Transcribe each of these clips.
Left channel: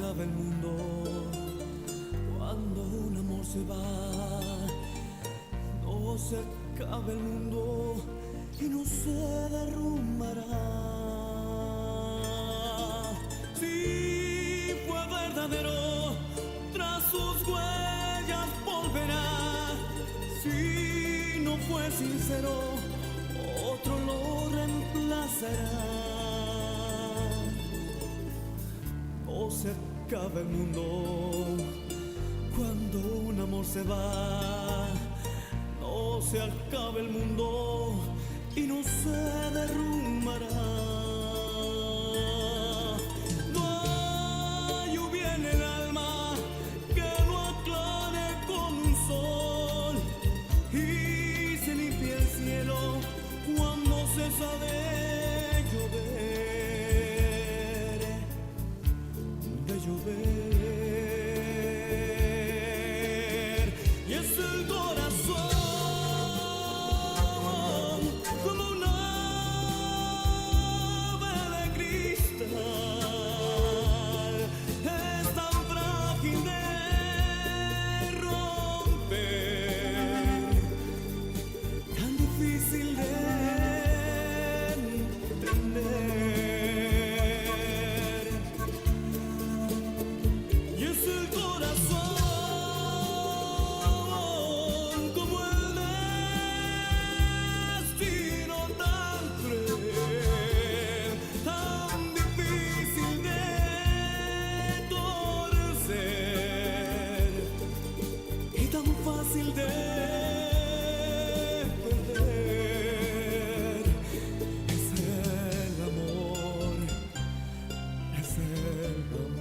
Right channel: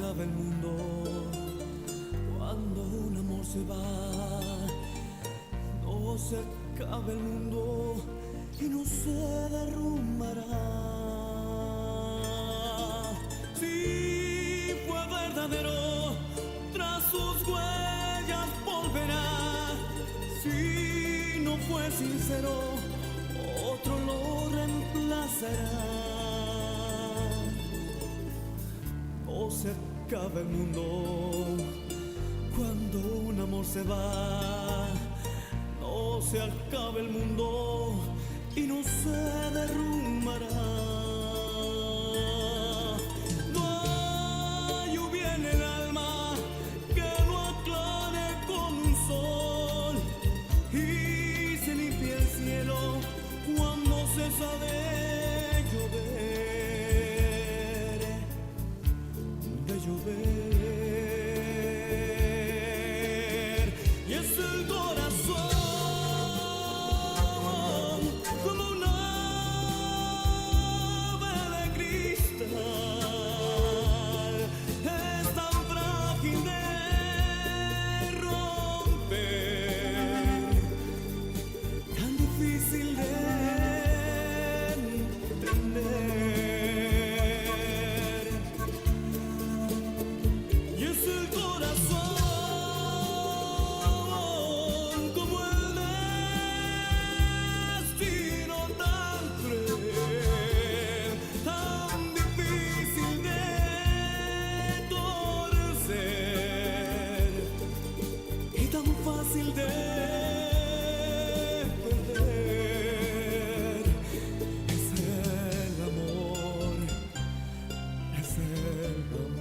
acaba el mundo, cuando un amor se va, no se acaba el mundo y no se derrumbará. Si fue verdadero, tras sus huellas volverá. Si no fue sincero, otro lo reemplazará. No se acaba el mundo cuando un amor se va. No se acaba el mundo y no se derrumbará. No hay lluvia en el alma que no aclare con un sol, y se limpia el cielo cuando cesa de llover, de llover. Y es el corazón como una ave de cristal, es tan frágil de romper, tan difícil de entender. Y es el corazón como el destino tan cruel, tan difícil de torcer y tan fácil de perder. Es el amor, es el amor.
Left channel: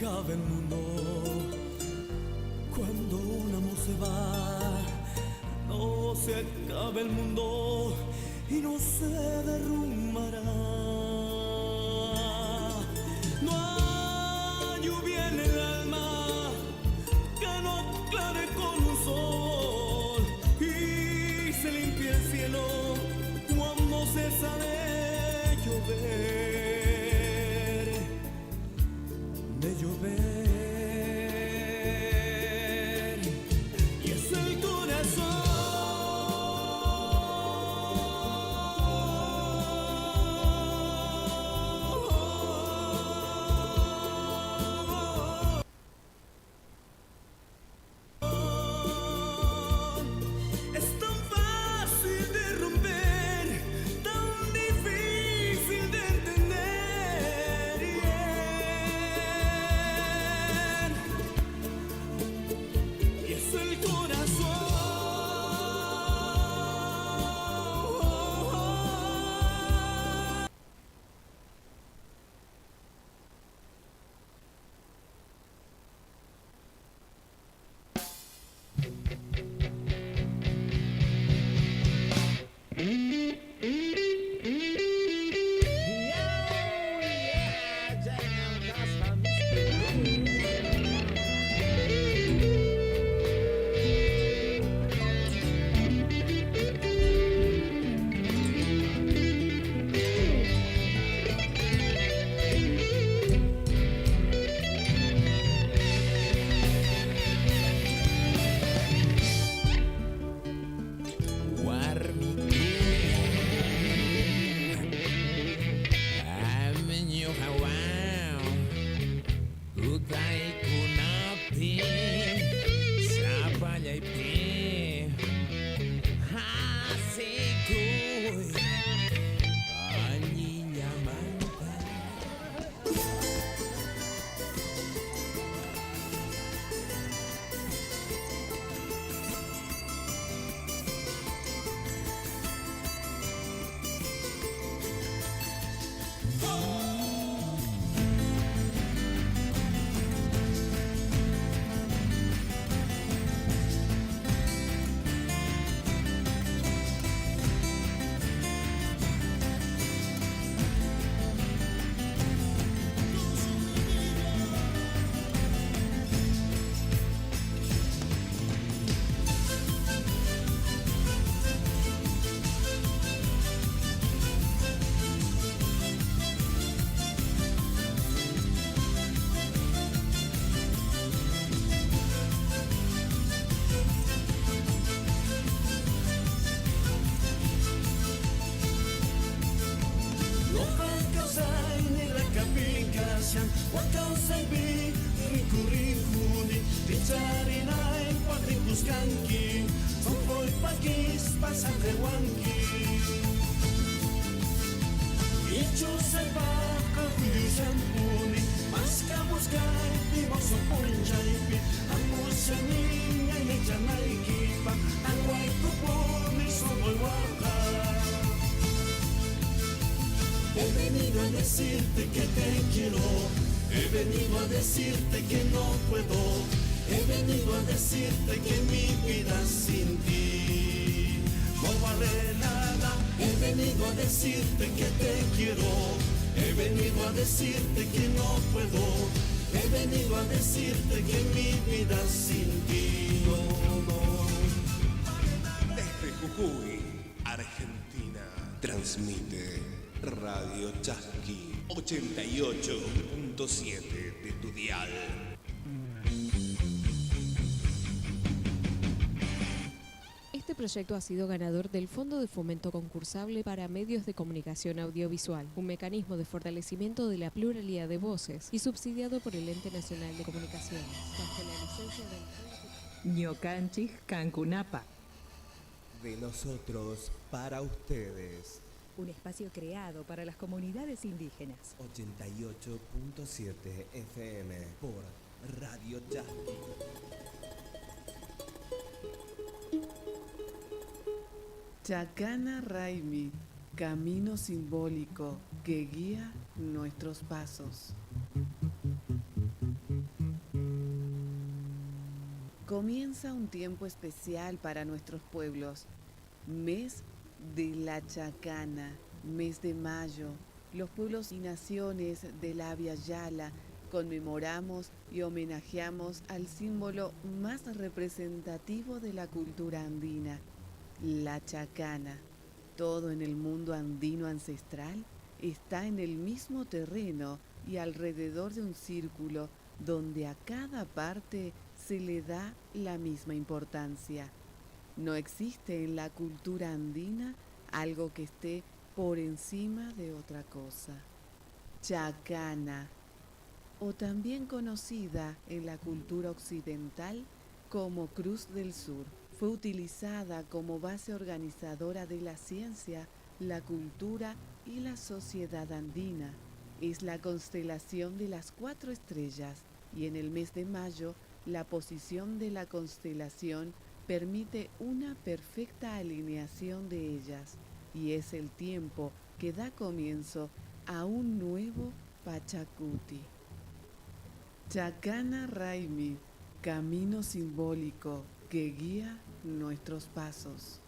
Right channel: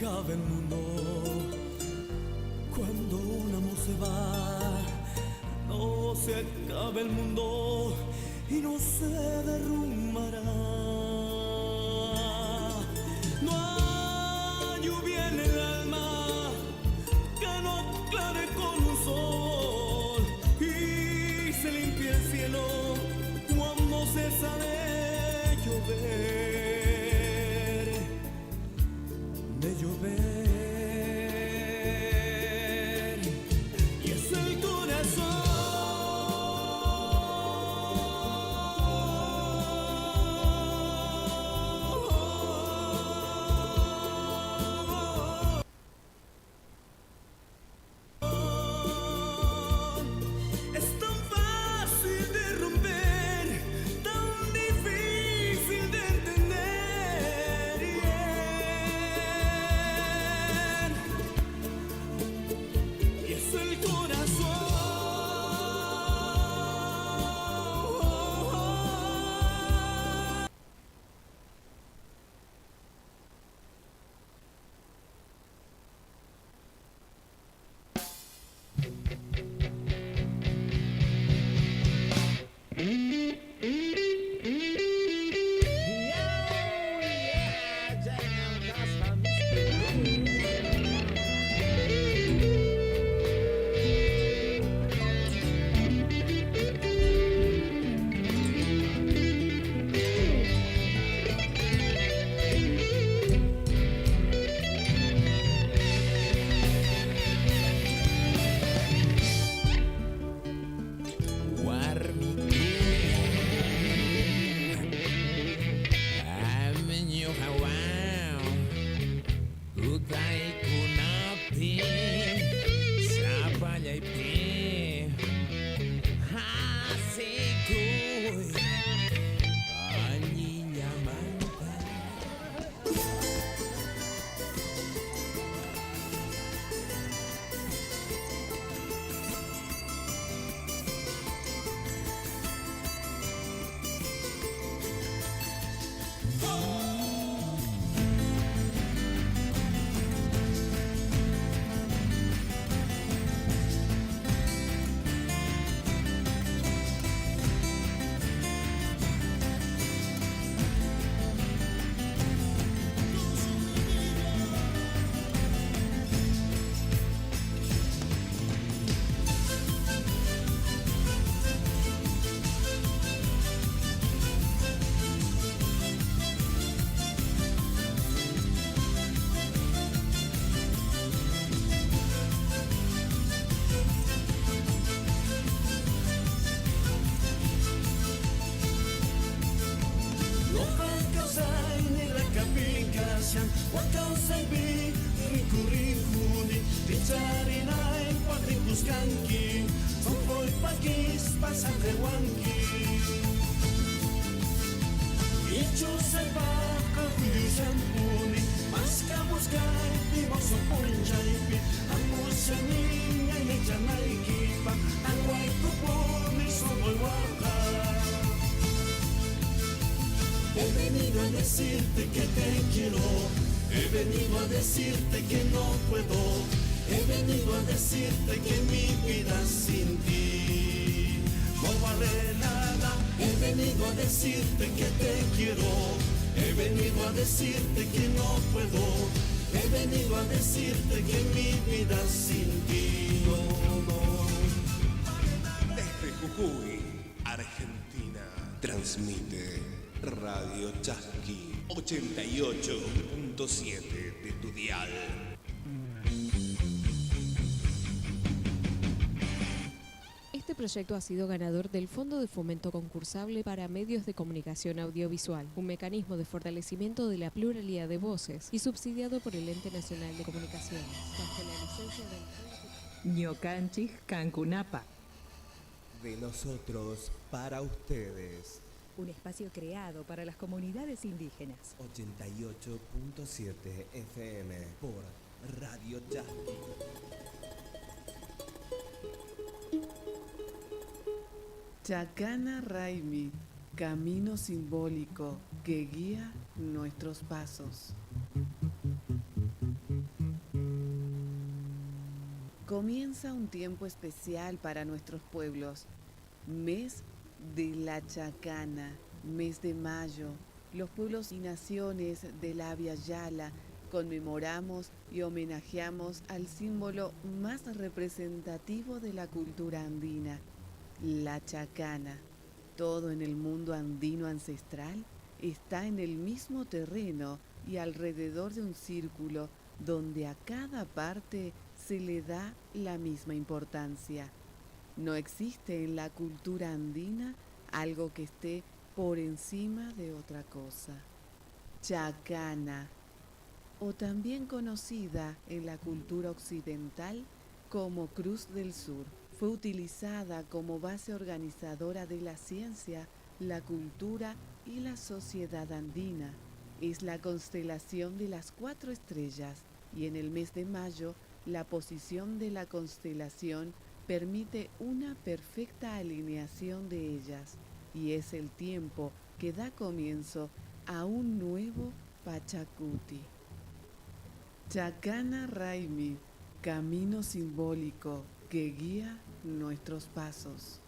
Acaba el mundo cuando un amor se va. No se acaba el mundo y no se derrumbará. No hay lluvia en el alma que no aclare con un sol, y se limpia el cielo cuando cesa de llover, de llover. Y es el corazón canqui, soy paquis, pasan de huanqui. Y chuse vaca, huyu shampuni, masca buscar, vimoso punchaipi, amuse niña y echa naikipa, aguay kupuni, soy guaja. He venido a decirte que te quiero, he venido a decirte que no puedo, he venido a decirte que mi vida sin ti no vale nada. He venido a decirte que te quiero, he venido a decirte que no puedo, he venido a decirte que mi vida sin ti no. Desde Jujuy, Argentina, transmite Radio Chasqui 88.7 de tu dial. Este proyecto ha sido ganador del Fondo de Fomento Concursable para Medios de Comunicación Audiovisual, un mecanismo de fortalecimiento de la pluralidad de voces y subsidiado por el Ente Nacional de Comunicaciones, bajo la licencia del Ñocanchis Cancunapa. De nosotros para ustedes. Un espacio creado para las comunidades indígenas. 88.7 FM por Radio Chasqui. Chacana Raimi, camino simbólico que guía nuestros pasos. Comienza un tiempo especial para nuestros pueblos, mes de la Chacana, mes de mayo. Los pueblos y naciones del Abya Yala conmemoramos y homenajeamos al símbolo más representativo de la cultura andina, la chacana. Todo en el mundo andino ancestral está en el mismo terreno y alrededor de un círculo donde a cada parte se le da la misma importancia. No existe en la cultura andina algo que esté por encima de otra cosa. Chacana, o también conocida en la cultura occidental como Cruz del Sur, fue utilizada como base organizadora de la ciencia, la cultura y la sociedad andina. Es la constelación de las 4 estrellas y en el mes de mayo la posición de la constelación permite una perfecta alineación de ellas y es el tiempo que da comienzo a un nuevo Pachacuti. Chacana Raimi, camino simbólico que guía nuestros pasos.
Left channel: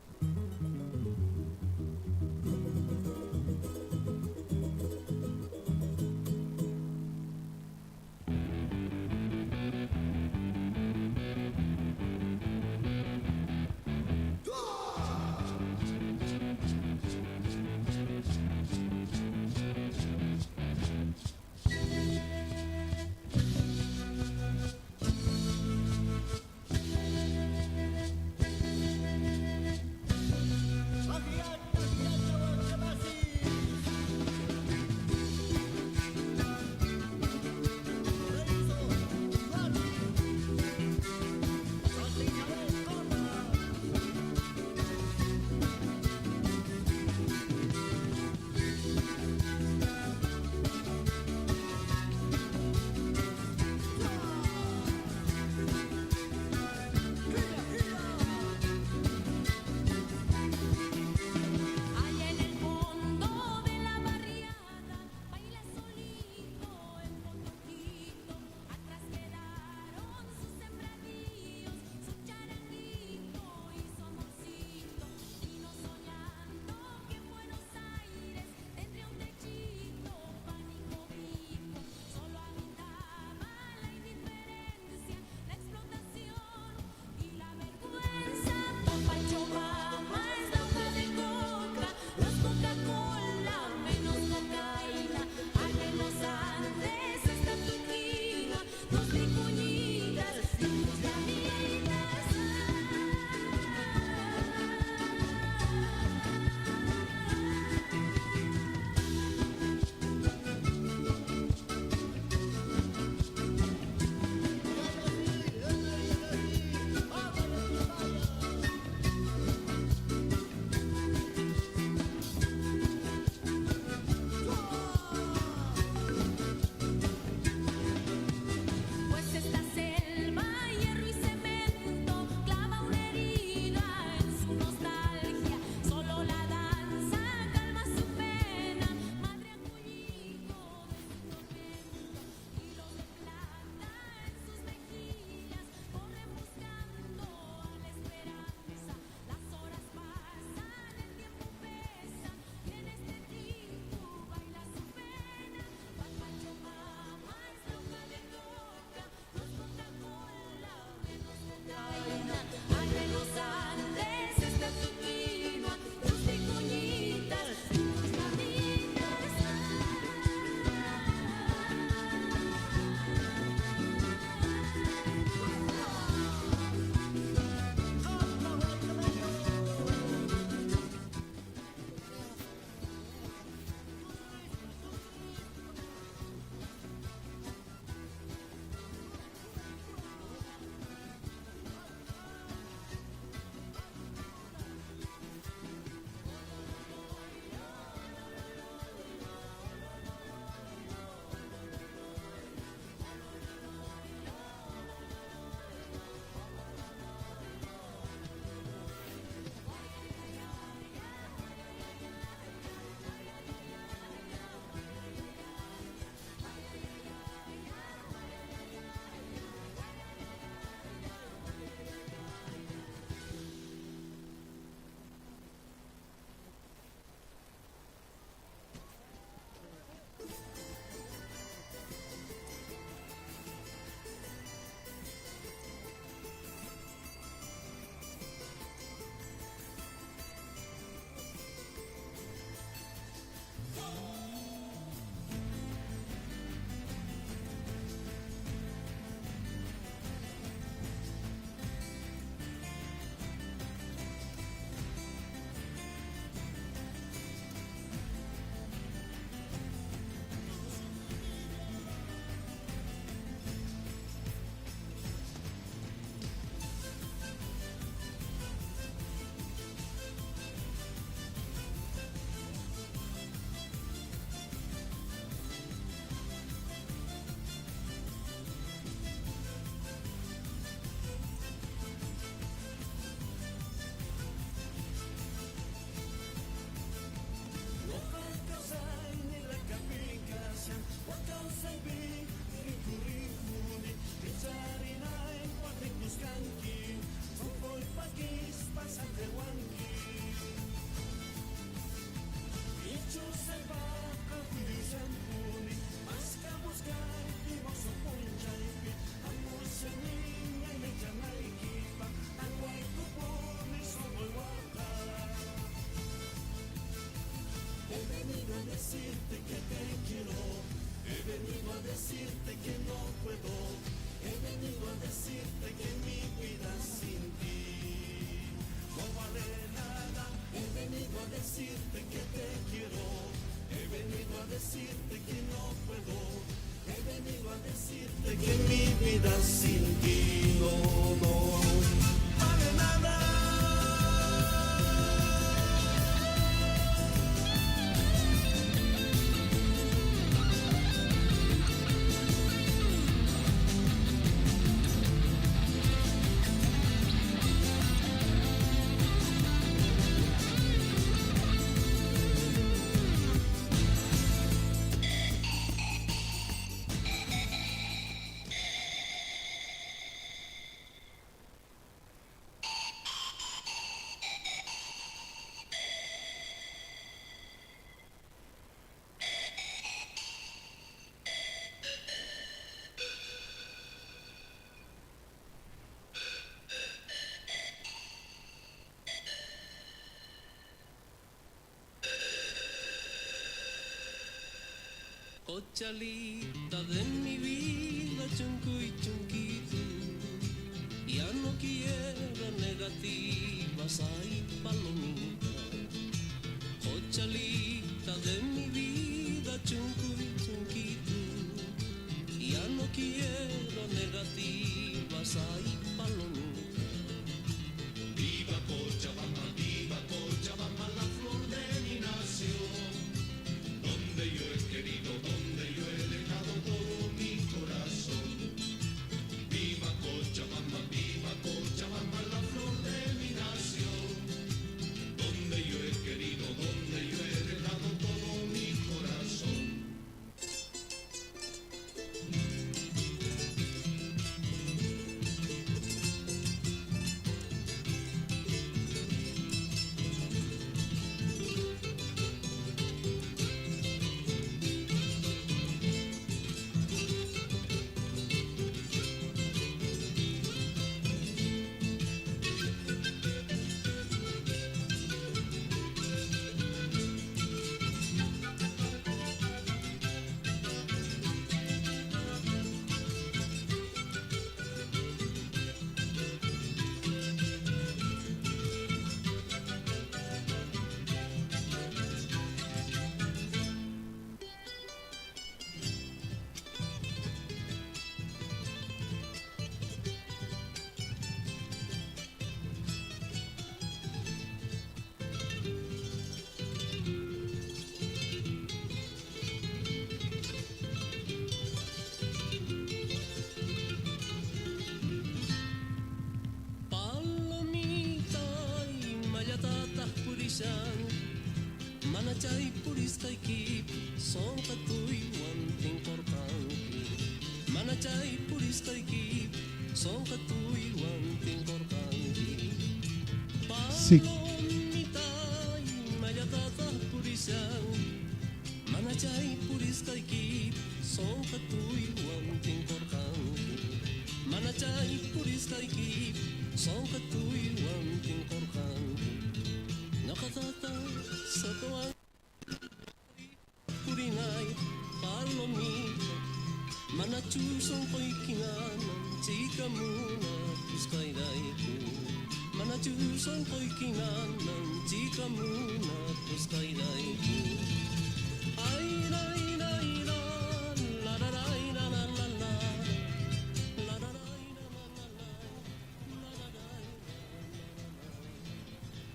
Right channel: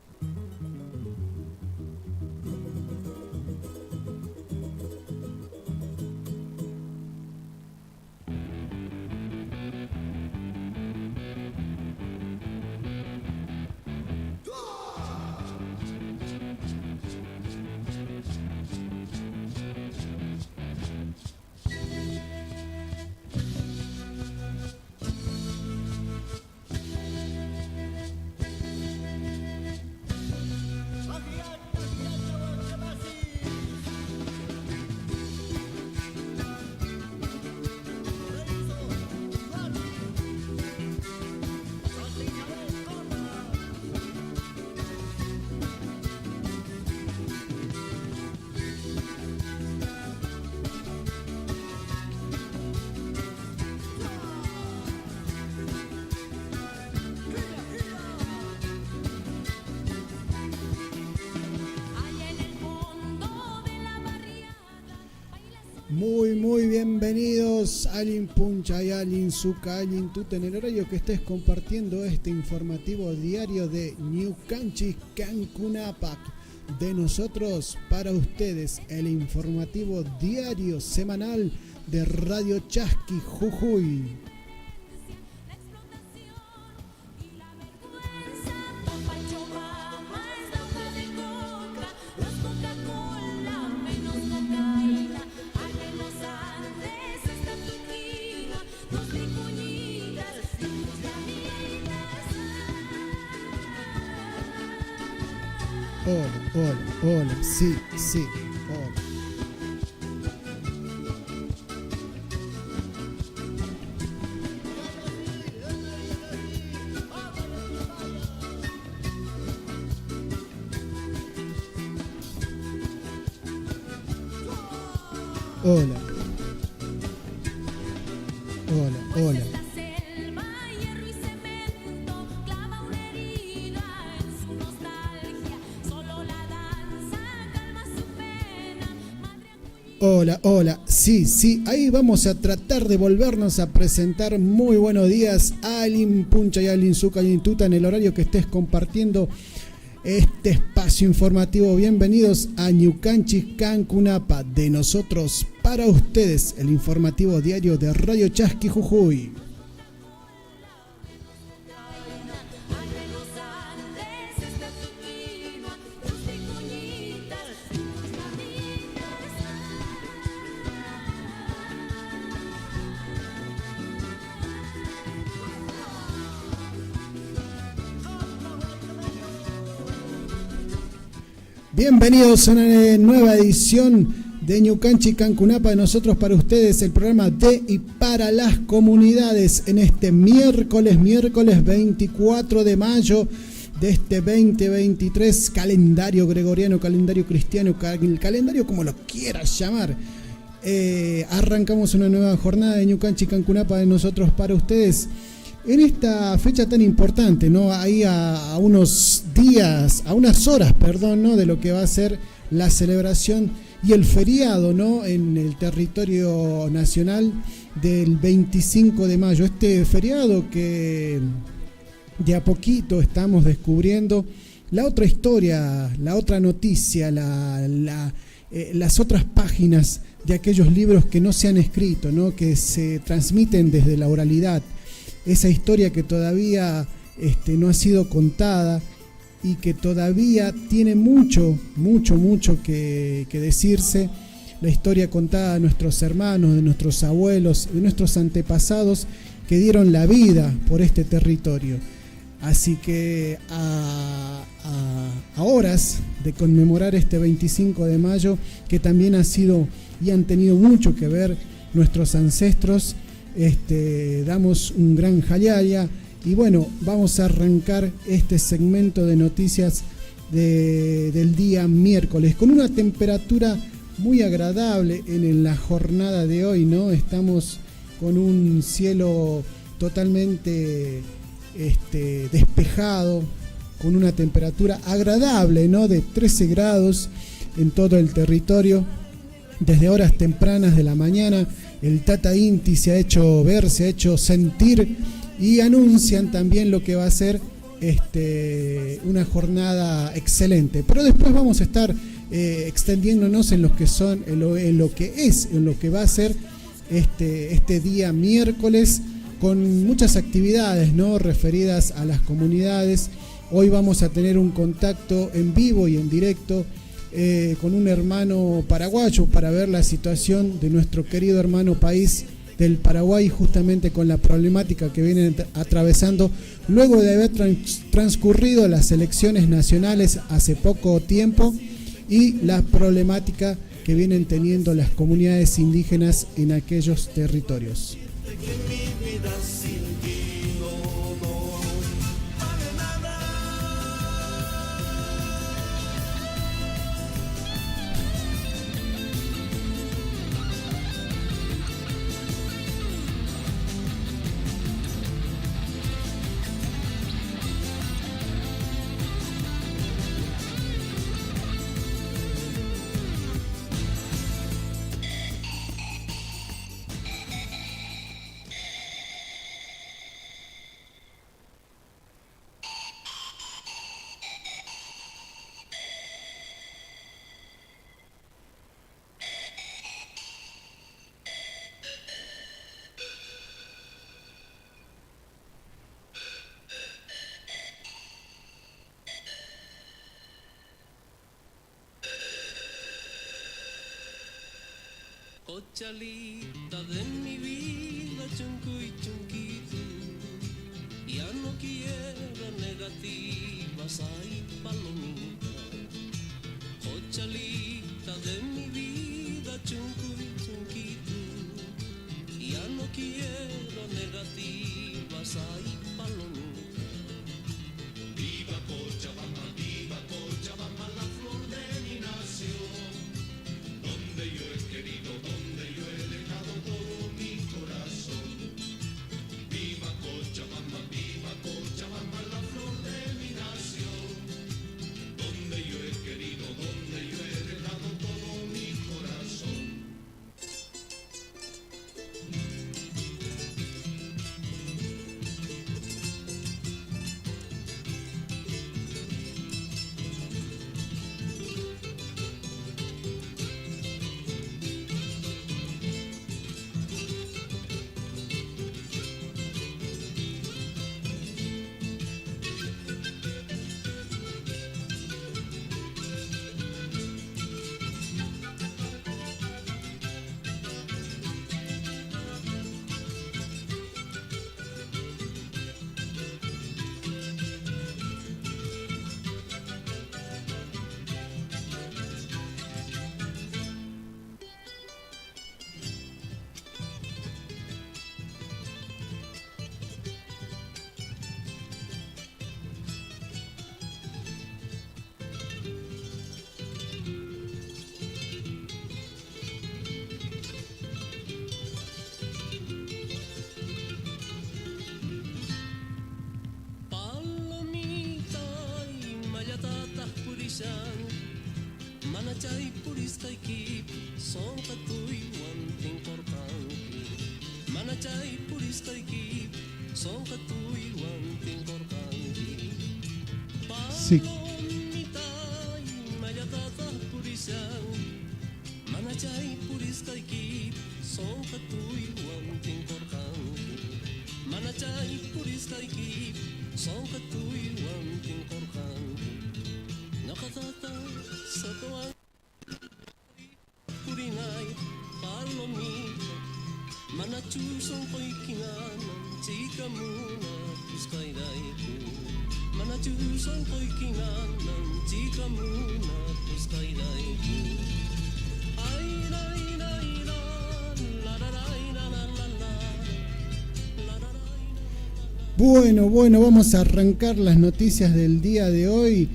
Muy bienvenidos Alin Puncha y Alin Zuca, Alin Tut, en el horario que estés compartiendo este informativo diario de Ñucanchis Cancunapac. De nosotros para ustedes, el informativo diario semanal de Radio Chasqui Jujuy. Sí, sí. Hola. Hola, hola. Hola, hola, sí, ahí vamos a tratar de volvernos a presentar. Muy buenos días, Alin Puncha y Alin Zuca y Tuta, en el horario que estés compartiendo este espacio informativo. Bienvenidos a Ñucanchis Cancunapa, de nosotros para ustedes, el informativo diario de Radio Chasqui Jujuy. Bienvenidos a una nueva edición de Ñucanchis Cancunapa, de nosotros para ustedes, el programa de y para las comunidades, en este miércoles 24 de mayo de este 2023, calendario gregoriano, calendario cristiano, el calendario como lo quieras llamar. Arrancamos una nueva jornada de Ñucanchis Cancunapa, de nosotros para ustedes. En esta fecha tan importante, ¿no? Ahí a unos días, a unas horas, ¿no? De lo que va a ser la celebración y el feriado, ¿no? En el territorio nacional del 25 de mayo. Este feriado que de a poquito estamos descubriendo la otra historia, la otra noticia, las otras páginas de aquellos libros que no se han escrito, ¿no? Que se transmiten desde la oralidad. Esa historia que todavía no ha sido contada y que todavía tiene mucho que decirse. La historia contada de nuestros hermanos, de nuestros abuelos, de nuestros antepasados que dieron la vida por este territorio. Así que a horas de conmemorar este 25 de mayo, que también ha sido y han tenido mucho que ver nuestros ancestros, damos un gran jalaya y bueno, vamos a arrancar este segmento de noticias del día miércoles con una temperatura muy agradable en la jornada de hoy, ¿no? Estamos con un cielo totalmente despejado, con una temperatura agradable, ¿no? De 13 grados en todo el territorio. Desde horas tempranas de la mañana el Tata Inti se ha hecho ver, se ha hecho sentir y anuncian también lo que va a ser una jornada excelente. Pero después vamos a estar extendiéndonos en lo que va a ser este día miércoles, con muchas actividades, ¿no? Referidas a las comunidades. Hoy vamos a tener un contacto en vivo y en directo con un hermano paraguayo para ver la situación de nuestro querido hermano país del Paraguay, justamente con la problemática que vienen atravesando luego de haber transcurrido las elecciones nacionales hace poco tiempo y la problemática que vienen teniendo las comunidades indígenas en aquellos territorios. Cochalita de mi vida, chuncu y chunquito, ya no quiero negativas, ay palomita. Cochalita de mi vida, chuncu y chunquito, ya no quiero negativas, ay palomita. Viva Cochabamba, la flor de mi nación, donde yo he querido, donde puristaiki son katui wanting korkanki manachay puristaiki son katui wanting korkanki Sí. palomitay mayatata purisang manachay puristaiki son katui wanting korkanki manachay puristaiki son katui wanting korkanki nakatata sa tuwang purinay palomita manachusong ko'y kinanan chika muna puskay daiku manachusong ko'y kinanan chika muna puskay daiku ay nay nay la la la la la la la. Bueno, vamos a arrancar las noticias del día de hoy.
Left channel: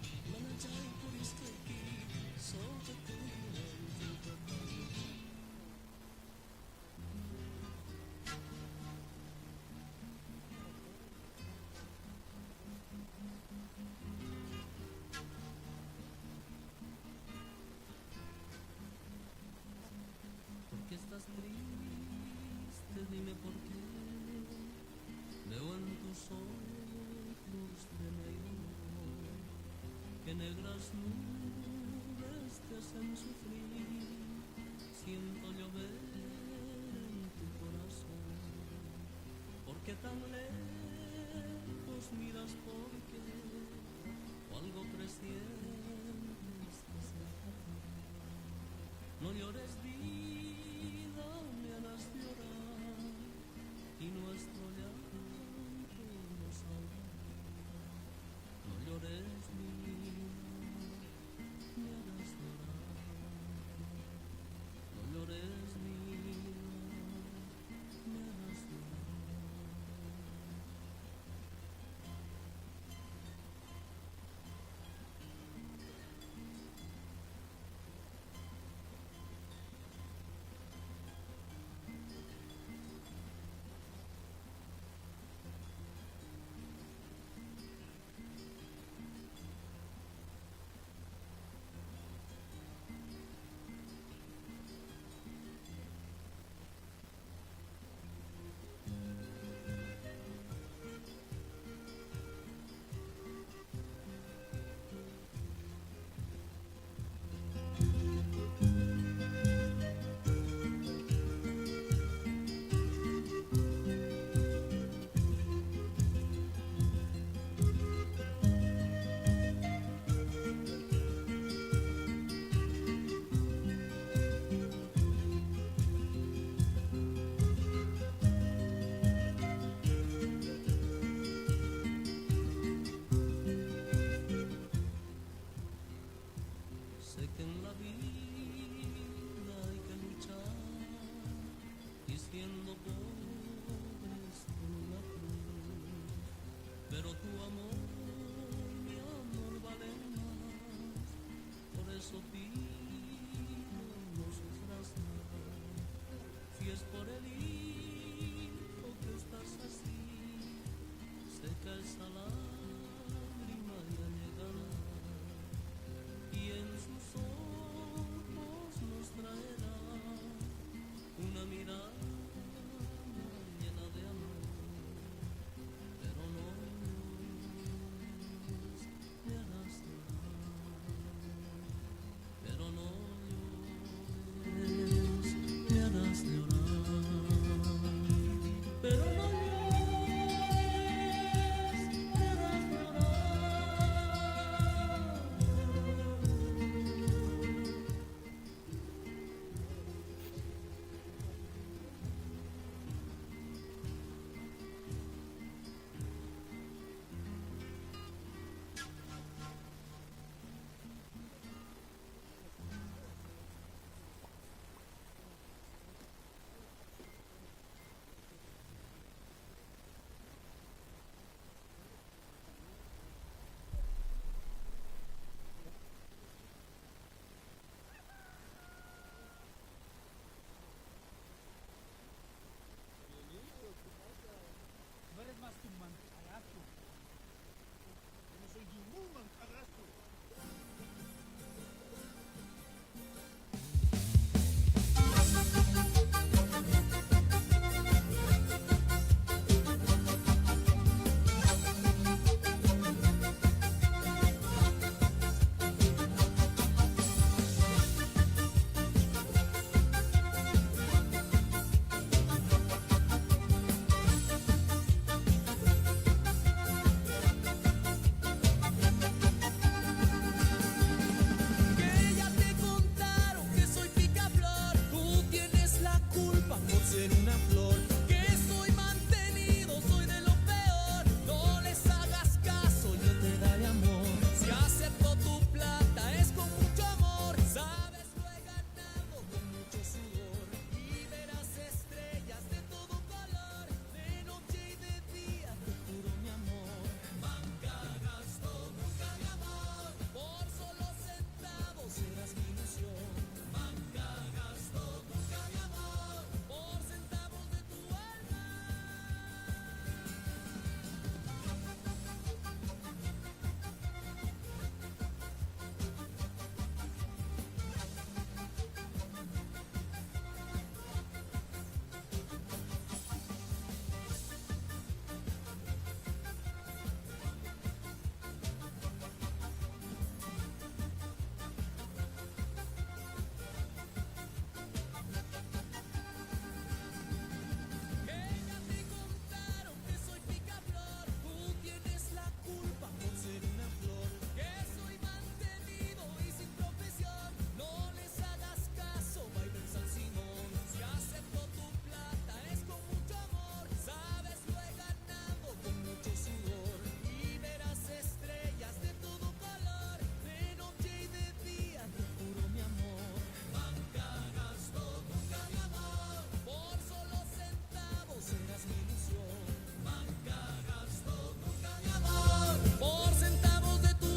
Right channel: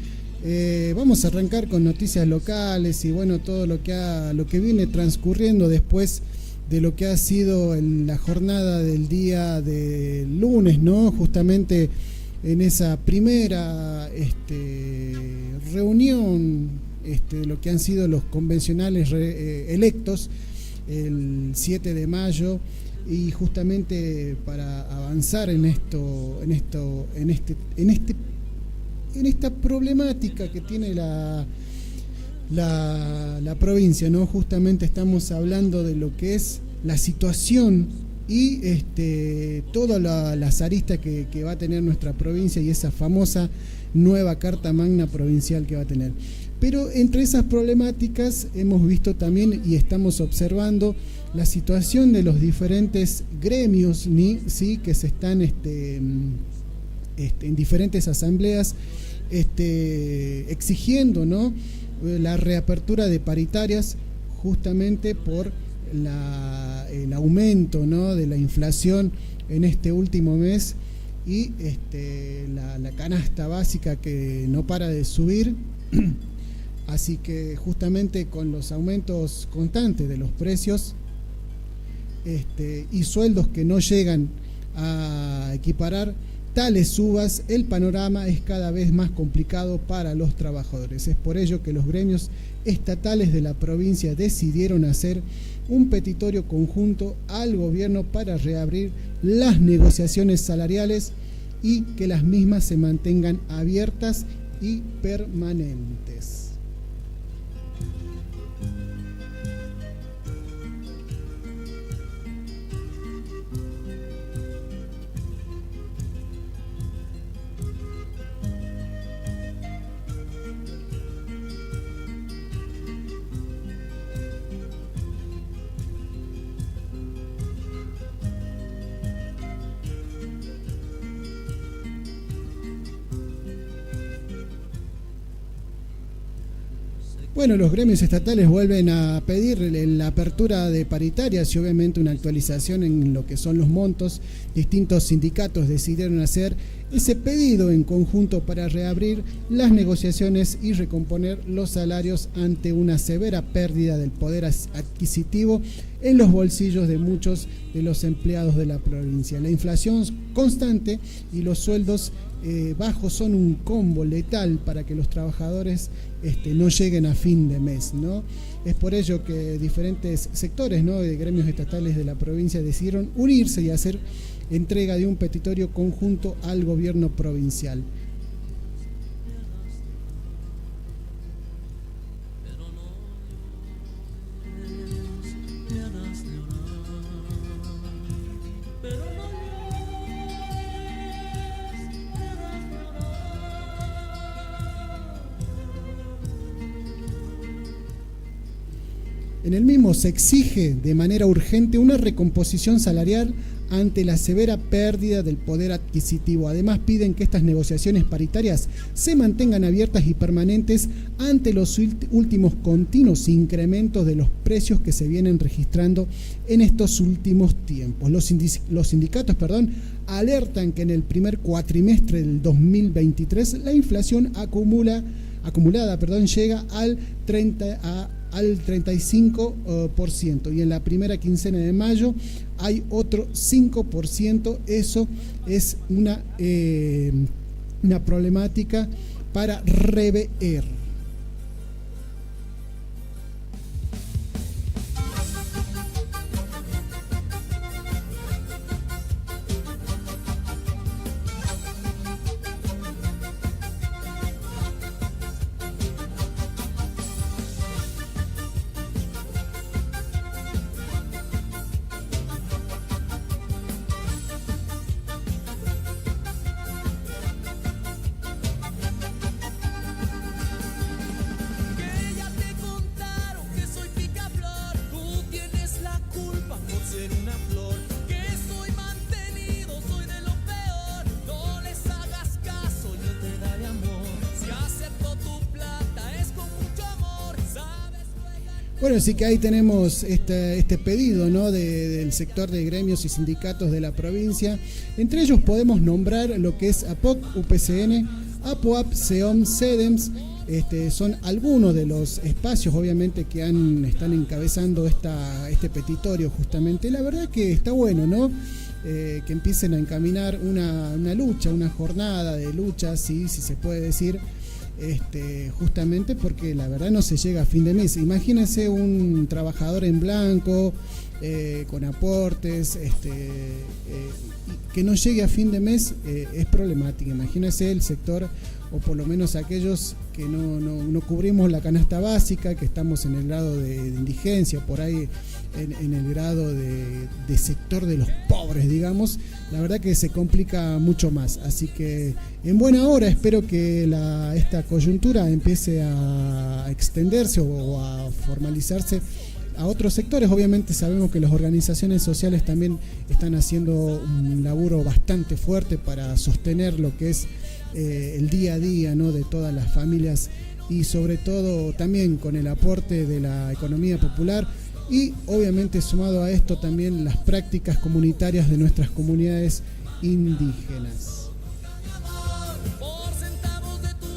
Vamos a arrancar con noticias locales y bueno, todo lo que viene transcurriendo después de lo que ha sido la jornada del día de lunes, ¿no? Justamente en esa primera reunión, lo que han sido los convencionales electos el 7 de mayo, y justamente para avanzar en esta problemática que tiene la provincia, ¿no? Justamente estamos hablando de lo que es la situación y todas las aristas que va a tener nuestra provincia y esa famosa nueva Carta Magna Provincial que va a tener. Pero entre esas problemáticas hemos visto también y estamos observando la situación de los diferentes gremios, ¿sí? Que se están en diferentes asambleas exigiendo, ¿no? La reapertura de paritarias justamente por el aumento, ¿no? De la inflación en este último mes y la canasta básica que no para de subir. Así que justamente con los aumentos constantes de los precios y sueldos que no llegan a equiparar tales subas, el panorama es cada vez más complicado para los trabajadores. Es por ello que los gremios estatales de la provincia decidieron hacer un petitorio conjunto al gobierno para reabrir las negociaciones salariales y que las mismas se mantengan abiertas y permanentes. Bueno, los gremios estatales vuelven a pedir la apertura de paritarias y obviamente una actualización en lo que son los montos. Distintos sindicatos decidieron hacer ese pedido en conjunto para reabrir las negociaciones y recomponer los salarios ante una severa pérdida del poder adquisitivo en los bolsillos de muchos de los empleados de la provincia. La inflación constante y los sueldos bajos son un combo letal para que los trabajadores no lleguen a fin de mes, ¿no? Es por ello que diferentes sectores, ¿no? De gremios estatales de la provincia decidieron unirse y hacer entrega de un petitorio conjunto al gobierno provincial. En el mismo se exige de manera urgente una recomposición salarial ante la severa pérdida del poder adquisitivo. Además, piden que estas negociaciones paritarias se mantengan abiertas y permanentes ante los últimos continuos incrementos de los precios que se vienen registrando en estos últimos tiempos. Los sindicatos alertan que en el primer cuatrimestre del 2023 la inflación acumulada llega al 35% y en la primera quincena de mayo hay otro 5%. Eso es una problemática para rever. Bueno, así que ahí tenemos este pedido, ¿no? del sector de gremios y sindicatos de la provincia. Entre ellos podemos nombrar lo que es APOC, UPCN, APOAP, SEOM, SEDEMS. Son algunos de los espacios, obviamente, que están encabezando este petitorio justamente. La verdad que está bueno, ¿no? Que empiecen a encaminar una lucha, una jornada de lucha, si se puede decir, justamente porque la verdad no se llega a fin de mes. Imagínense un trabajador en blanco, con aportes, que no llegue a fin de mes, es problemático. Imagínense el sector, o por lo menos aquellos que no cubrimos la canasta básica, que estamos en el grado de indigencia, por ahí en el grado de sector de los pobres, digamos. La verdad que se complica mucho más. Así que en buena hora espero que esta coyuntura empiece a extenderse o a formalizarse a otros sectores. Obviamente sabemos que las organizaciones sociales también están haciendo un laburo bastante fuerte para sostener lo que es el día a día, ¿no? de todas las familias, y sobre todo también con el aporte de la economía popular, y obviamente sumado a esto también las prácticas comunitarias de nuestras comunidades indígenas. Por centavos de tu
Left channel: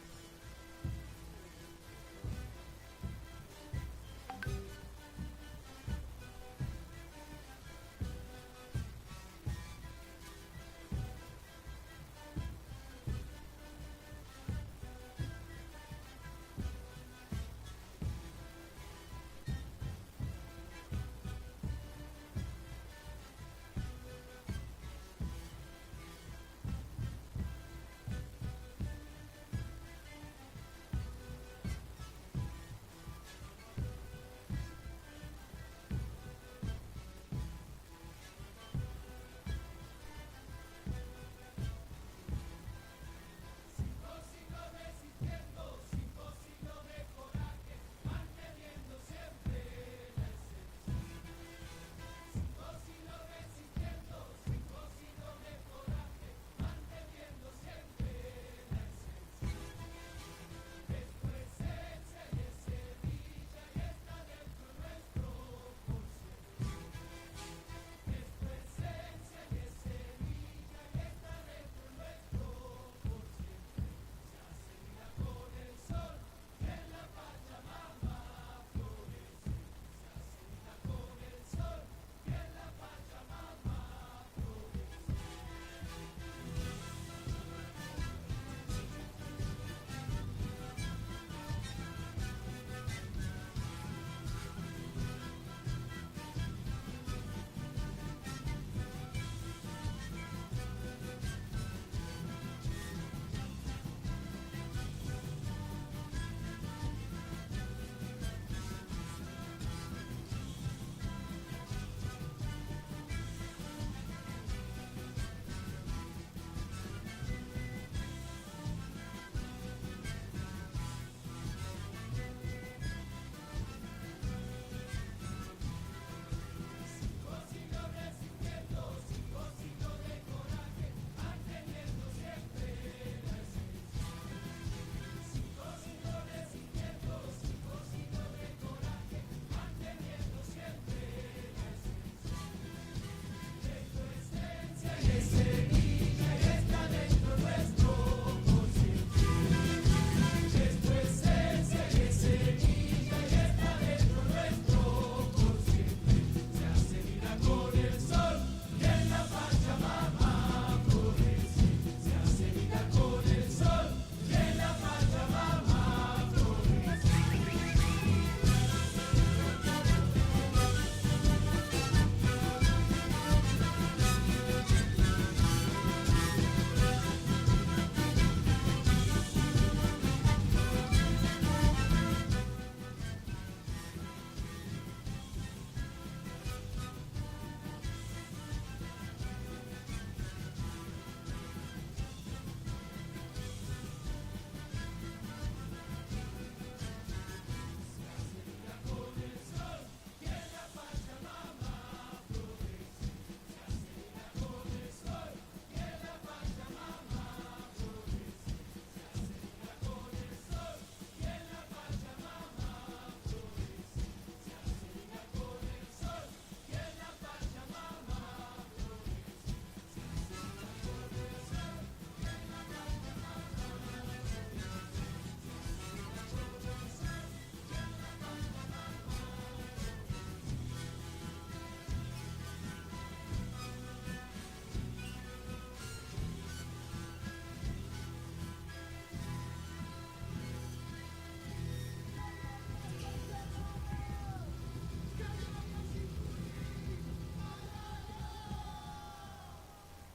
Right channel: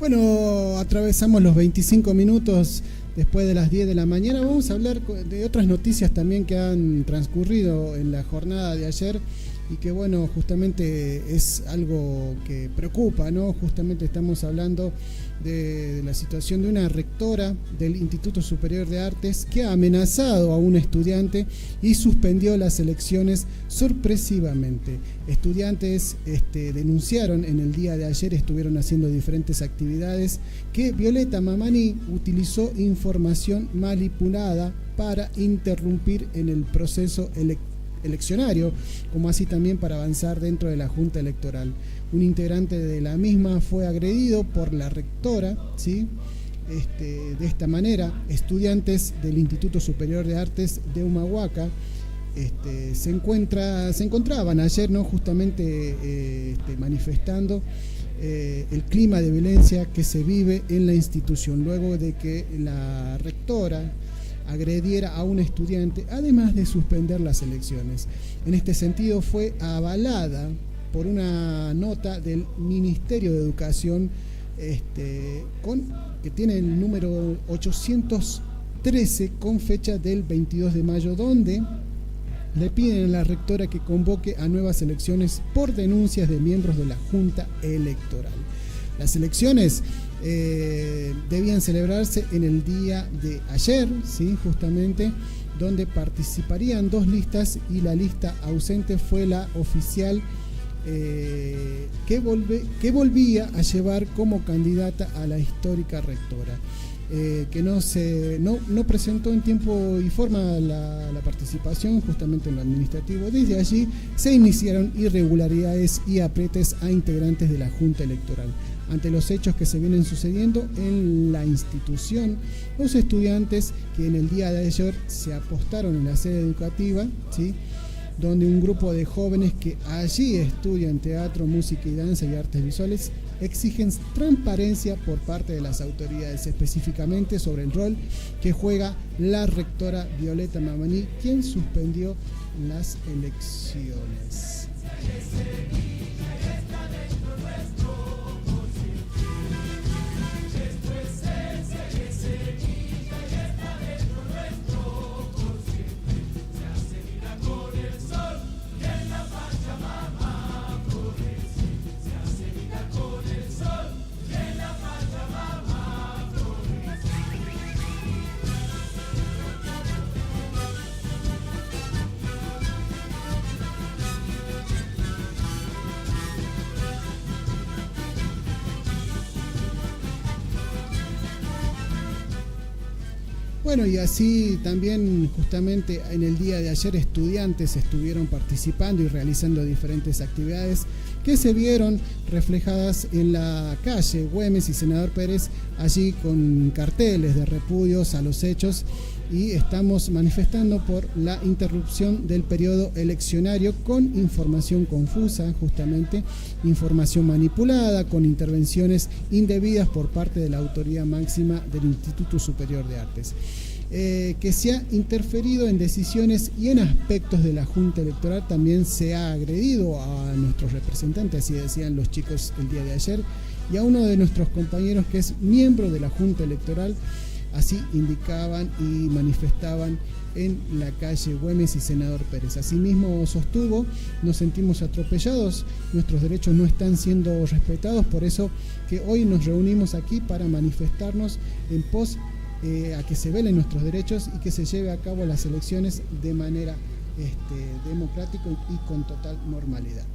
Bueno, atravesamos los 25 minutos después de las 10 de la mañana. Vamos a hablar de otras noticias también que han transcurrido en la jornada de ayer y que, bueno, justamente es algo que preocupa, ¿no? Justamente estamos hablando de la situación de una rectora del Instituto Superior de Artes que ha amenazado a un estudiante y suspendió las elecciones sorpresivamente. Estudiantes denunciaron en el día de ayer, estuvieron haciendo diferentes actividades, que Violeta Mamani utilizó información manipulada para interrumpir en el proceso eleccionario, como así también para avanzar dentro de la Junta Electoral. Un integrante de la misma fue agredido por la rectora, ¿sí? De esta manera, estudiantes del Instituto Superior de Artes de Humahuaca se encontraban ayer, ¿no? justamente manifestando el clima de violencia que se vive en la institución, luego de que la rectora agrediera a un estudiante, además de suspender las elecciones. En este sentido fue avalada por una nota del Ministerio de Educación que tiene el número 813 con fecha del 22 de mayo, donde le piden a la rectora que convoque a nuevas elecciones por denuncias de miembros de la Junta Electoral. Las elecciones debían celebrarse en el día de ayer, ¿sí? justamente, donde participarían 2 listas y la lista ausente fue la oficial que volvía a llevar como candidata a la histórica rectora. Que no presentó en tiempo y forma la participación participación justamente en lo administrativo. Desde allí se iniciaron irregularidades y apretes a integrantes de la Junta Electoral. Ante los hechos que se vienen sucediendo en la institución, los estudiantes que en el día de ayer se apostaron en la sede educativa, ¿sí?, donde un grupo de jóvenes que allí estudian teatro, música y danza y artes visuales exigen transparencia por parte de las autoridades, específicamente sobre el rol que juega la rectora Violeta Mamani, quien suspendió las elecciones. Bueno, y así también justamente en el día de ayer estudiantes estuvieron participando y realizando diferentes actividades que se vieron reflejadas en la calle Güemes y Senador Pérez, allí con carteles de repudios a los hechos, y estamos manifestando por la interrupción del periodo eleccionario con información confusa, justamente información manipulada, con intervenciones indebidas por parte de la autoridad máxima del Instituto Superior de Artes. Que se ha interferido en decisiones y en aspectos de la Junta Electoral. También se ha agredido a nuestros representantes, así decían los chicos el día de ayer, y a uno de nuestros compañeros que es miembro de la Junta Electoral, así indicaban y manifestaban en la calle Güemes y Senador Pérez. Asimismo sostuvo: nos sentimos atropellados, nuestros derechos no están siendo respetados, por eso que hoy nos reunimos aquí para manifestarnos en pos a que se velen nuestros derechos y que se lleve a cabo las elecciones de manera democrática y con total normalidad.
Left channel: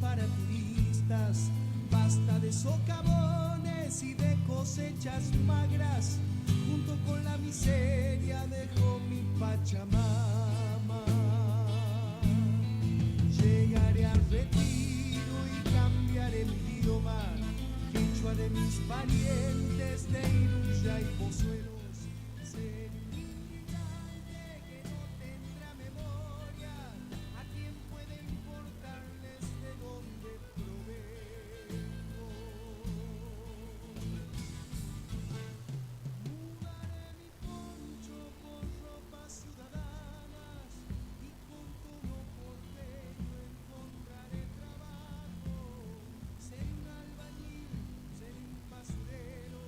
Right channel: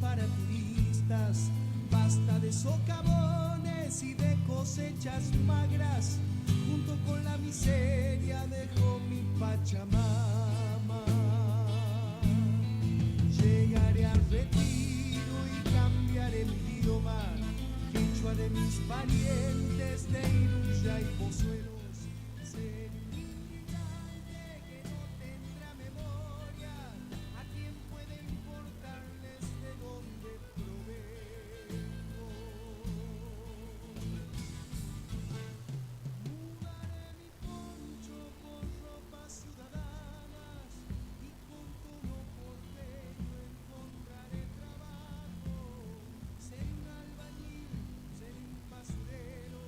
Para turistas, basta de socavones y de cosechas magras, junto con la miseria dejó mi Pachamama. Llegaré al retiro y cambiaré mi idioma, quechua de mis parientes de Iruya y Pozuelos. Seré un inmigrante que no tendrá memoria, a quien puede importarles de dónde provengo. Mudaré mi poncho por ropas ciudadanas y con tono porteño encontraré trabajo. Seré un albañil, seré un basurero,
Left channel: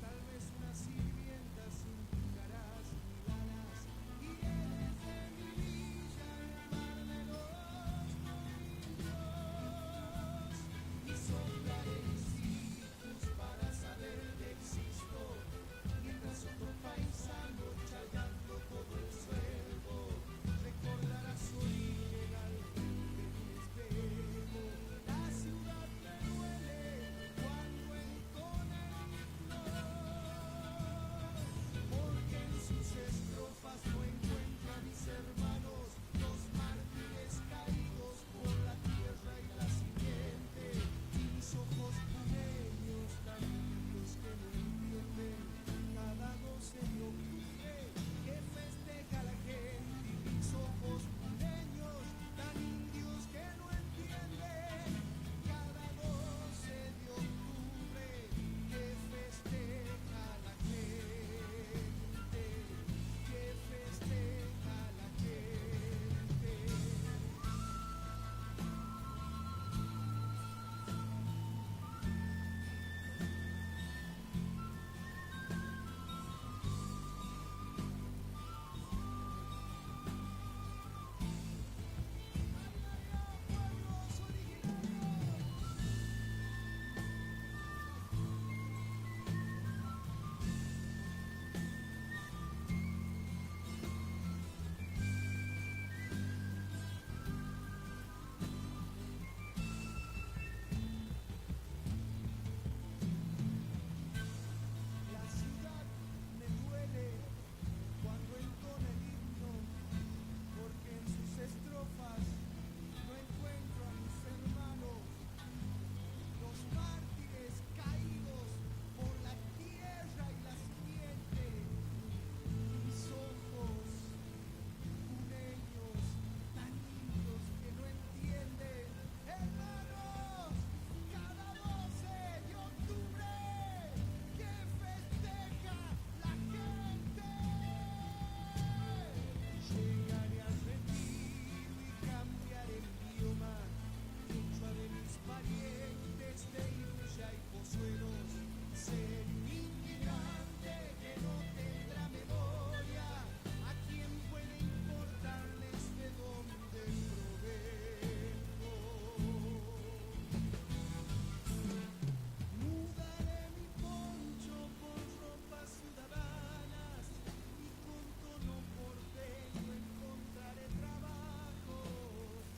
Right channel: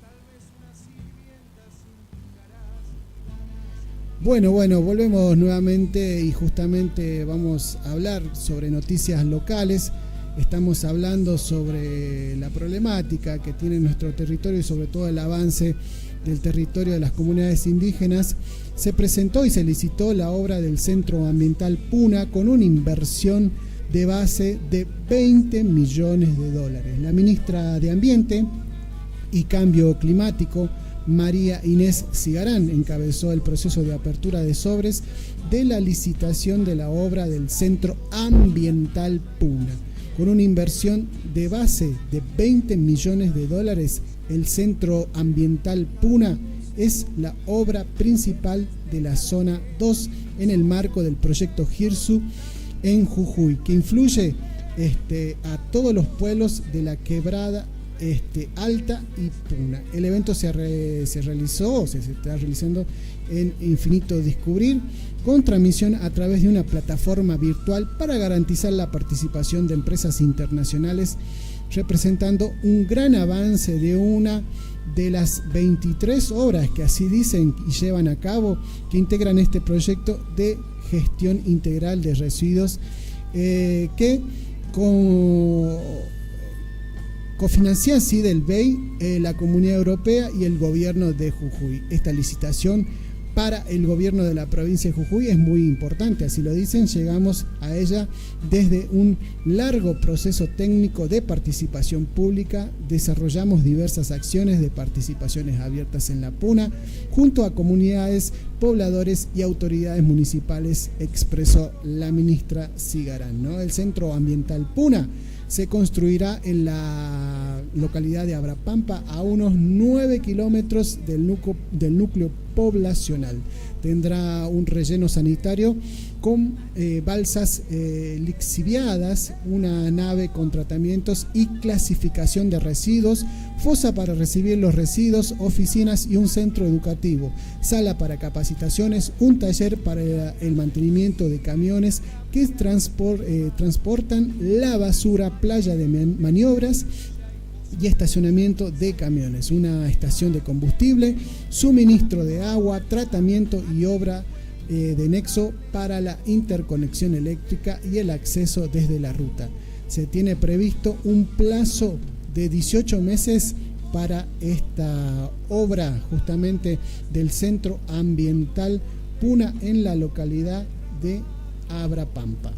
tal vez una sirvienta sin caras ni ganas. Bueno, volvemos nuevamente y justamente vamos a hablar sobre noticias locales. Estamos hablando sobre la problemática que tiene nuestro territorio y sobre todo el avance del territorio de las comunidades indígenas. Se presentó y se licitó la obra del Centro Ambiental Puna con una inversión de base de $20 millones. La ministra de Ambiente y Cambio Climático, María Inés Cigarán, encabezó el proceso de apertura de sobres de la licitación de la obra del Centro Ambiental Puna. Con una inversión de base de $20 millones, el Centro Ambiental Puna es la obra principal de la Zona 2 en el marco del proyecto GIRSU en Jujuy, que influye a todos los pueblos de la quebrada Alta y Puna. El evento se está realizando en Infinito Descubrir, con transmisión a través de una plataforma virtual para garantizar la participación de empresas internacionales, representando un gran avance de una de las 23 obras que así dicen y llevan a cabo, que integran este proyecto de gestión integral de residuos, que cofinancia así del BEI, la Comunidad Europea y el gobierno de Jujuy. Esta licitación para el gobierno de la provincia de Jujuy es muy importante, así lo dicen. Llegamos a ella desde un largo proceso técnico de participación pública. Desarrollamos diversas acciones de participaciones abiertas en la Puna junto a comunidades, pobladores y autoridades municipales, expresó la ministra Cigarán, ¿no? El Centro Ambiental Puna se construirá en la localidad de Abrapampa, a unos 9 kilómetros del núcleo poblacional. Tendrá un relleno sanitario con balsas lixiviadas, una nave con tratamientos y clasificación de residuos, fosa para recibir los residuos, oficinas y un centro educativo, sala para capacitaciones, un taller para el mantenimiento de camiones que transportan la basura, playa de maniobras y estacionamiento de camiones, una estación de combustible, suministro de agua, tratamiento y obra de nexo para la interconexión eléctrica y el acceso desde la ruta. Se tiene previsto un plazo de 18 meses para esta obra justamente del Centro Ambiental Puna en la localidad de Abrapampa.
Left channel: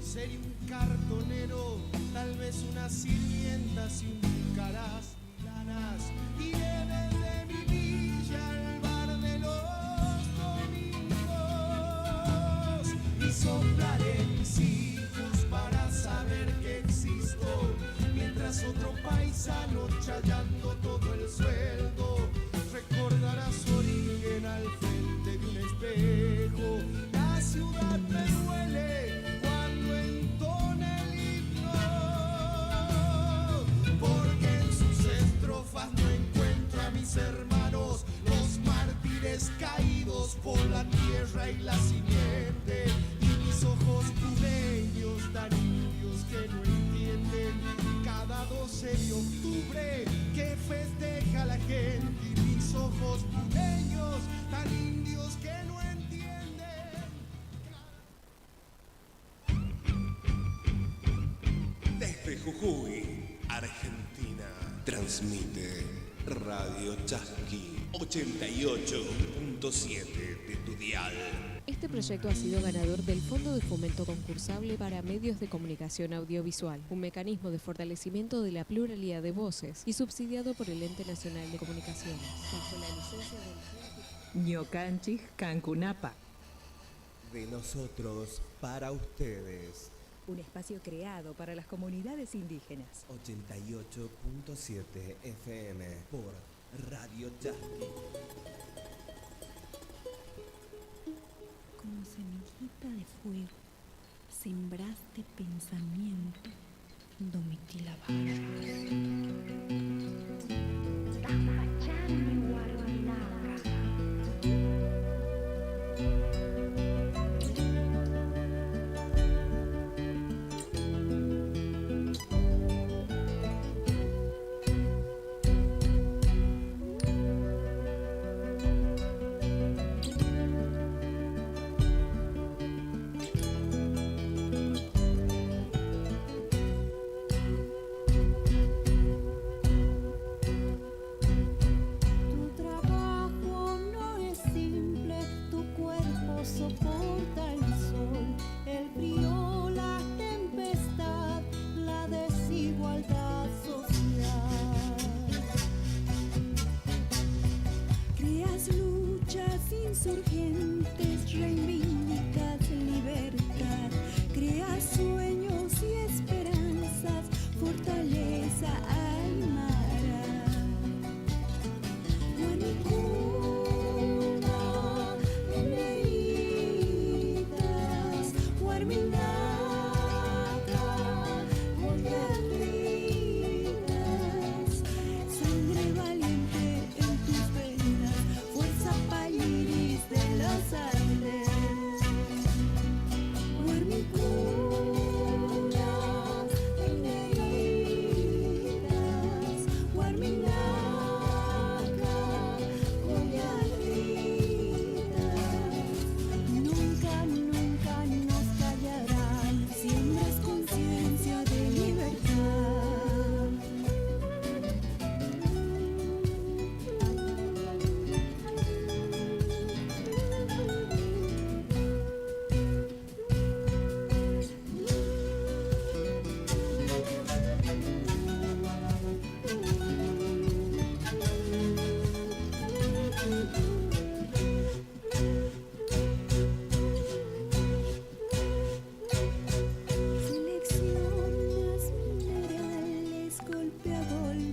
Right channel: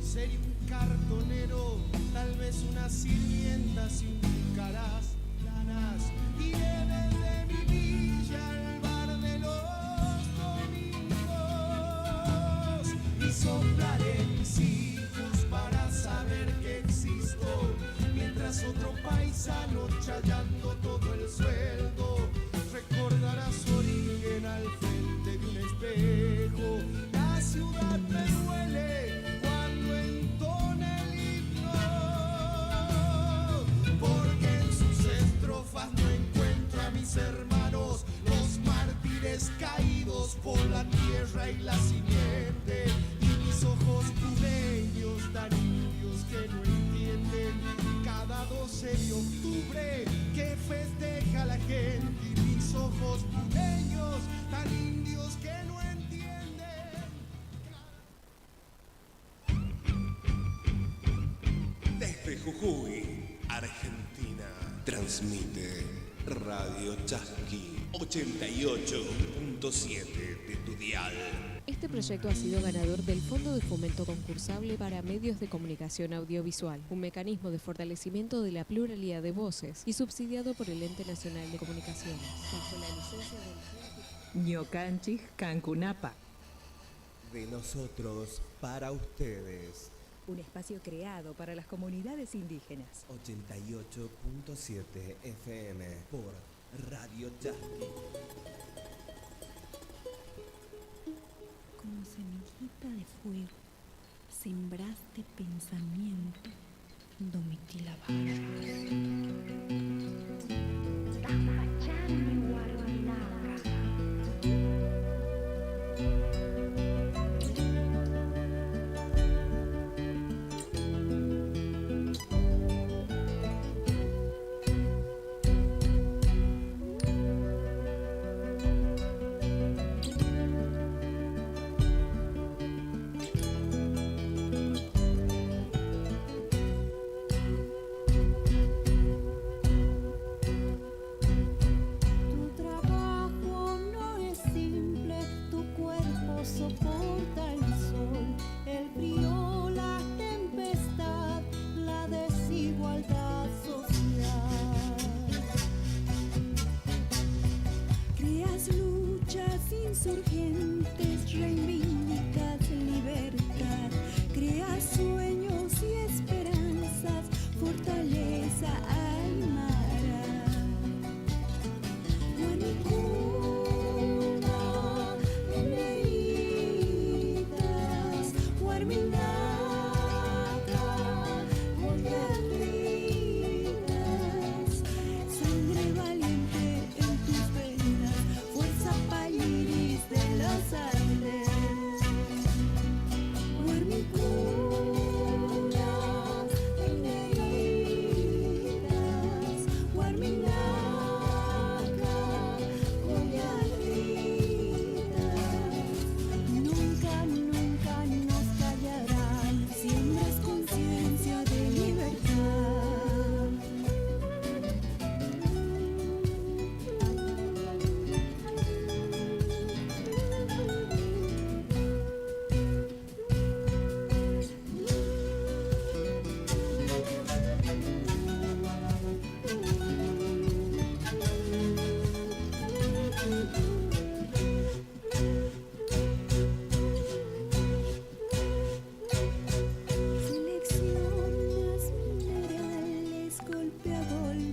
Sería un cartonero, tal vez una sirvienta sin caras planas, y de mi villa al bar de los domingos, y soplaré mis hijos para saber que existo, mientras otro paisano chayando todo el sueldo recordará su origen al frente de un espejo. La ciudad me duele cuando entona el himno, porque en sus estrofas no encuentro a mis hermanos, los mártires caídos por la tierra y la simiente, y mis ojos puneños tan indios que no entienden cada 12 de octubre que festeja la gente, y mis ojos puneños tan indios que no entienden. Desde Jujuy, Argentina, transmite Radio Chasqui 88.7 de tu dial. Este proyecto ha sido ganador del Fondo de Fomento Concursable para Medios de Comunicación Audiovisual, un mecanismo de fortalecimiento de la pluralidad de voces y subsidiado por el Ente Nacional de Comunicaciones, bajo la licencia del Ñocanchis Cancunapa. De nosotros para ustedes. Un espacio creado para las comunidades indígenas. 88.7 FM por Radio Chasqui. Como semillita de fuego, sembraste pensamiento, Domitila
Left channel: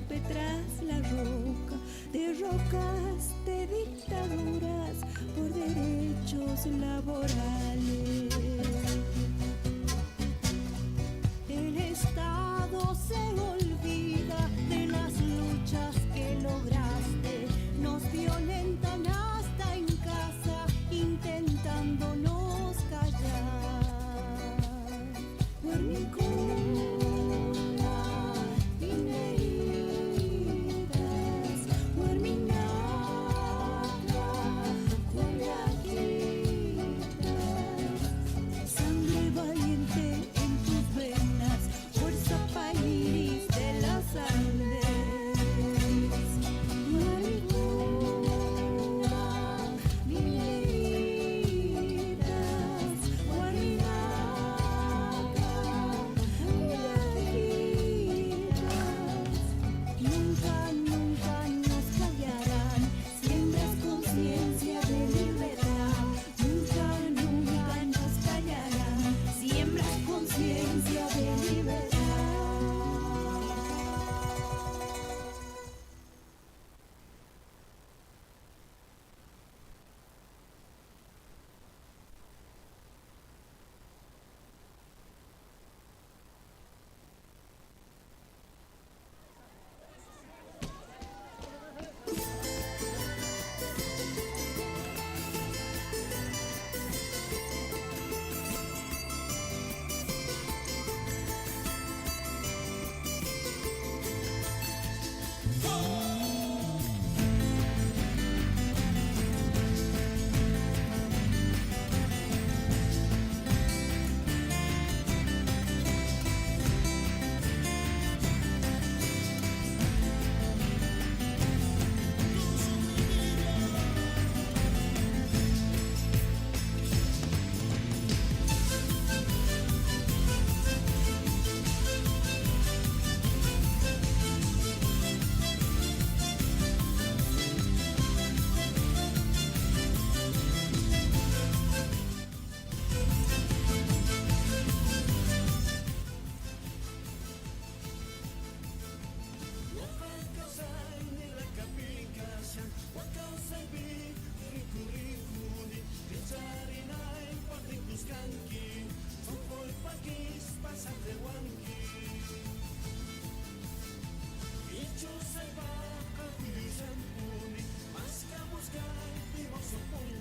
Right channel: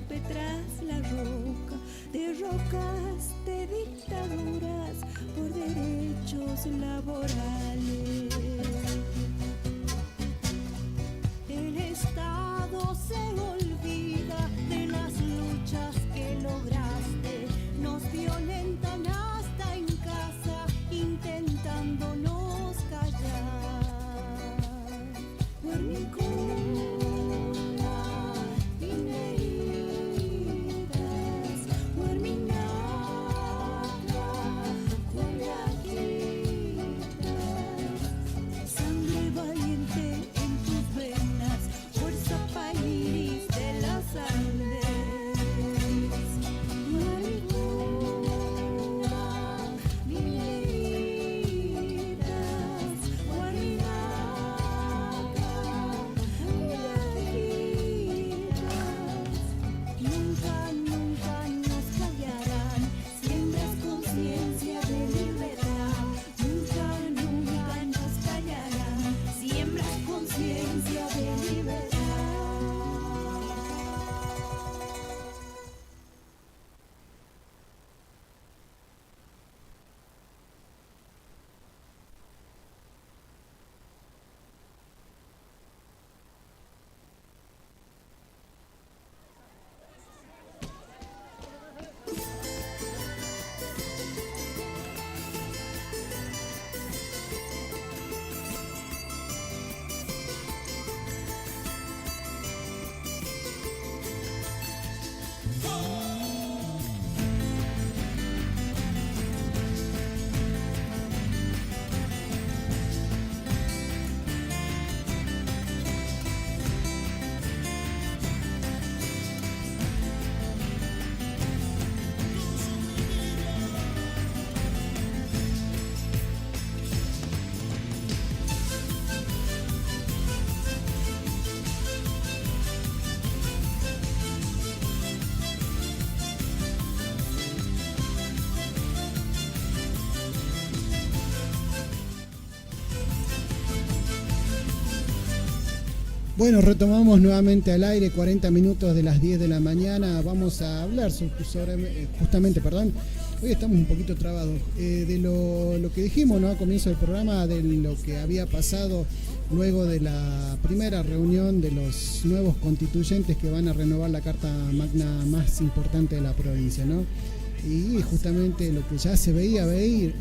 rompe tras la roca, de rocas, de dictaduras, por derechos laborales. El Estado se olvida de las luchas que lograste, nos violentan hasta en casa, intentándonos callar. Sangre valiente en tus venas, fuerza país de las Andes. Nunca, nunca nos callarán, siembras conciencia de libertad. Nunca, nunca nos callarán, siembras conciencia de libertad. Bueno, retomamos nuevamente al aire, 40 minutos de las 10 de la mañana. Vamos a hablar justamente, hoy estamos un poquito trabados, de lo que dijimos, ¿no?, al comienzo del programa, de lo que había pasado luego de la primera reunión de los nuevos constituyentes que van a renovar la Carta Magna más importante de la provincia, ¿no? Y justamente lo que ya se veía venir,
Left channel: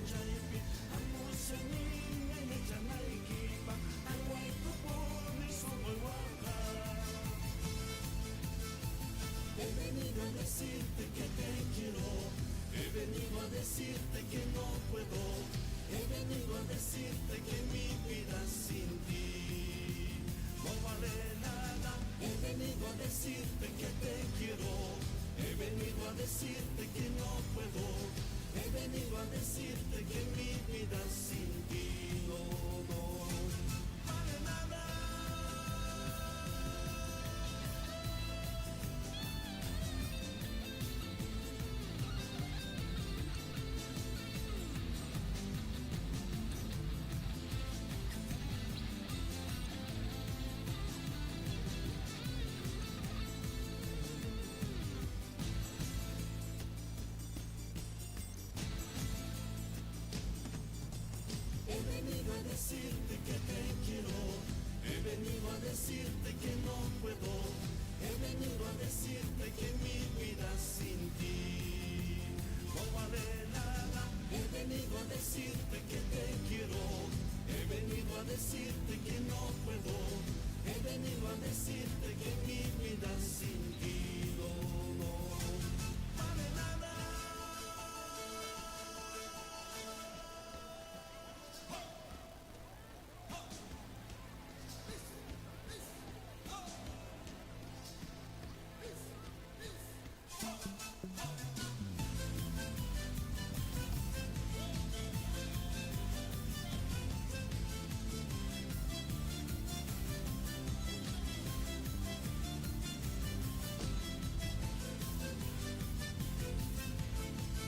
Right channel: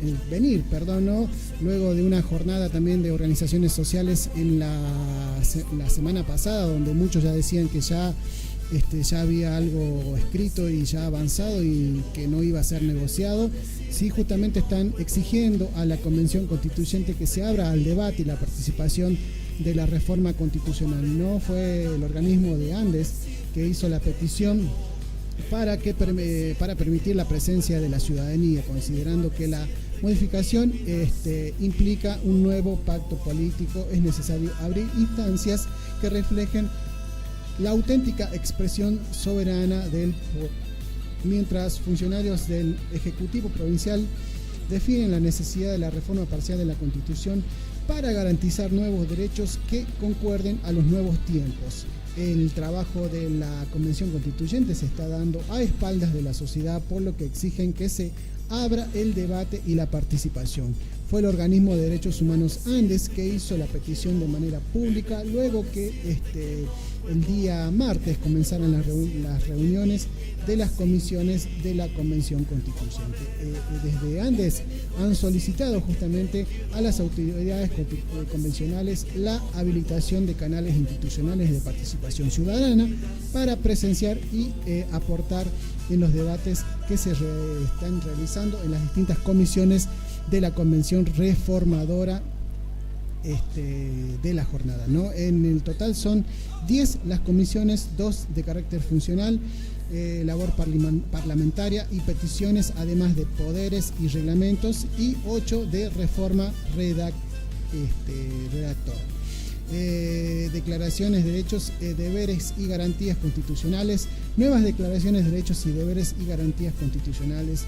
¿no?, luego de una jornada también de organizaciones sociales en la semana pasada, donde muchos ya decían que ya había algo escrito y ya avanzado y que no iba a ser negociado. Sí, justamente están exigiendo a la Convención Constituyente que se abra al debate y la participación de la reforma constitucional. No fue el organismo de Andes que hizo la petición para permitir la presencia de la ciudadanía, considerando que la modificación implica un nuevo pacto político. Es necesario abrir instancias que reflejen la auténtica expresión soberana del pueblo. Mientras funcionarios del Ejecutivo Provincial definen la necesidad de la reforma parcial de la Constitución para garantizar nuevos derechos que concuerden a los nuevos tiempos. El trabajo de la Convención Constituyente se está dando a espaldas de la sociedad, por lo que exigen que se abra el debate y la participación. Fue el organismo de derechos humanos Andes que hizo la petición de manera pública, luego que el día martes comenzaron las reuniones de las comisiones de la Convención Constituyente. Desde Andes han solicitado justamente a las autoridades convencionales la habilitación de canales institucionales de participación ciudadana para presenciar y aportar en los debates que se están realizando en las distintas comisiones de la Convención Reformadora de la jornada, ¿no? En el total son 10 las comisiones, 2 de carácter funcional, labor parlamentaria y peticiones, además de poderes y reglamentos, y 8 de reforma redactor. Declaraciones de derechos, deberes y garantías constitucionales, nuevas declaraciones de derechos y deberes y garantías constitucionales,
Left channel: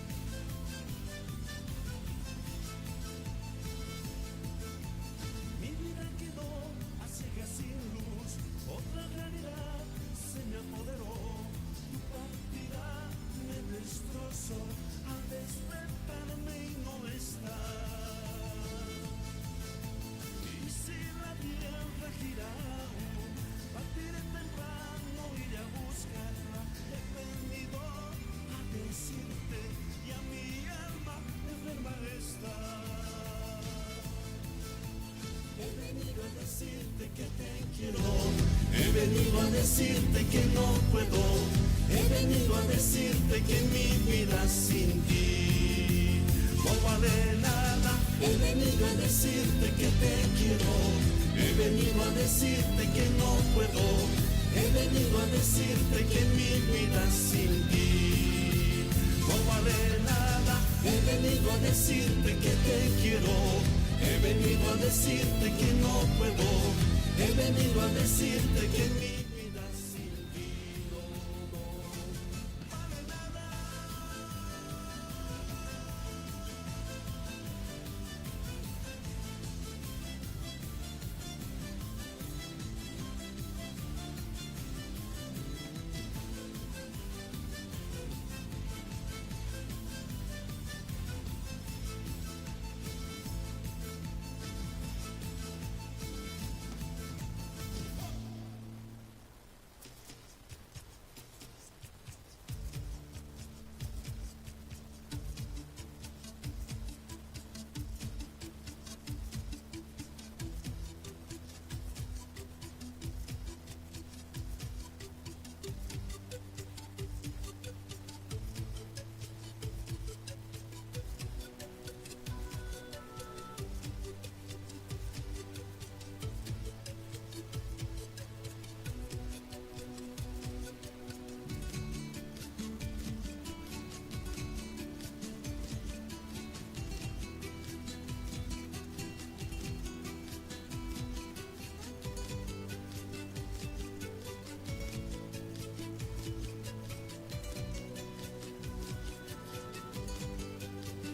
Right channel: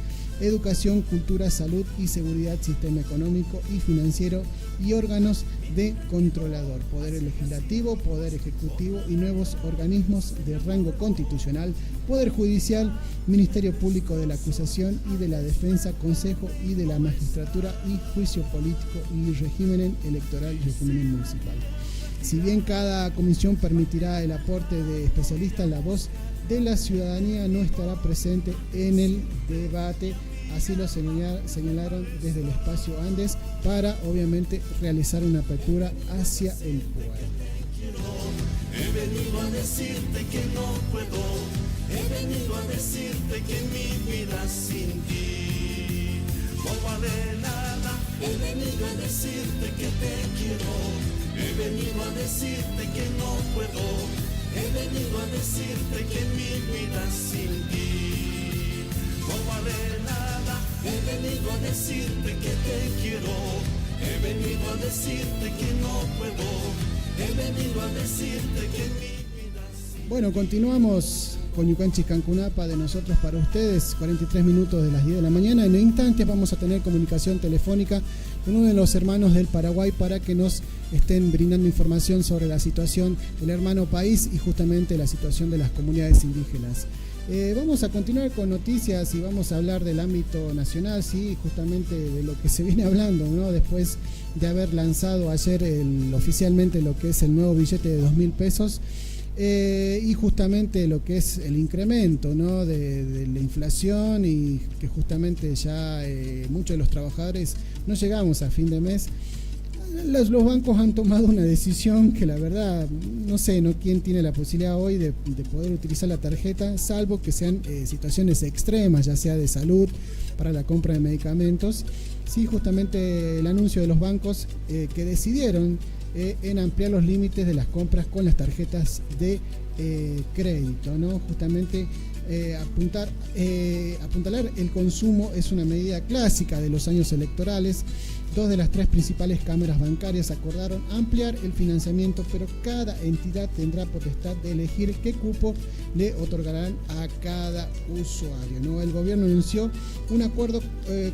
educación, cultura, salud y seguridad, sistema económico y financiero y órganos de controlador, poder legislativo, poder ejecutivo y nuevos organismos de rango constitucional, poder judicial, Ministerio Público de la Acusación y de la Defensa, Consejo y de la Magistratura y Juicio Político y régimen electoral y régimen municipal. Si bien cada comisión permitirá el aporte de especialistas, la voz de la ciudadanía no estará presente en el debate, así lo señalaron desde el espacio Andes para obviamente realizar una apertura hacia el pueblo. He venido a decirte que no puedo, he venido a decirte que mi vida sin ti no vale nada. He venido a decirte que te quiero, he venido a decirte que no puedo, he venido a decirte que mi vida sin ti no vale nada. He venido a decirte que te quiero, he venido a decirte que no puedo, he venido a decirte que mi vida sin... Bueno, continuamos con Ñucanchis Cancunapa de nosotros para ustedes, 43 minutos de las 10 de la mañana. En instantes vamos a tener comunicación telefónica con uno de los hermanos del Paraguay para que nos estén brindando información sobre la situación del hermano país y justamente la situación de las comunidades indígenas. Vamos a continuar con noticias y vamos a hablar del ámbito nacional, sí, justamente de lo que se viene hablando, ¿no? Después de haber lanzado ayer oficialmente lo que es el nuevo billete de 2.000 pesos y justamente lo que es el incremento, ¿no? de la inflación y que justamente ya muchos de los trabajadores no llegamos a fin de mes. Los bancos han tomado una decisión que la verdad no sé, no quién tiene la posibilidad hoy de poder utilizar la tarjeta, salvo que sean situaciones extremas, ya sea de salud, para la compra de medicamentos. Sí, justamente el anuncio de los bancos que decidieron en ampliar los límites de las compras con las tarjetas de crédito, ¿no? Justamente apuntalar el consumo es una medida clásica de los años electorales. Dos de las tres principales cámaras bancarias acordaron ampliar el financiamiento, pero cada entidad tendrá potestad de elegir qué cupo le otorgarán a cada usuario, ¿no? El gobierno anunció un acuerdo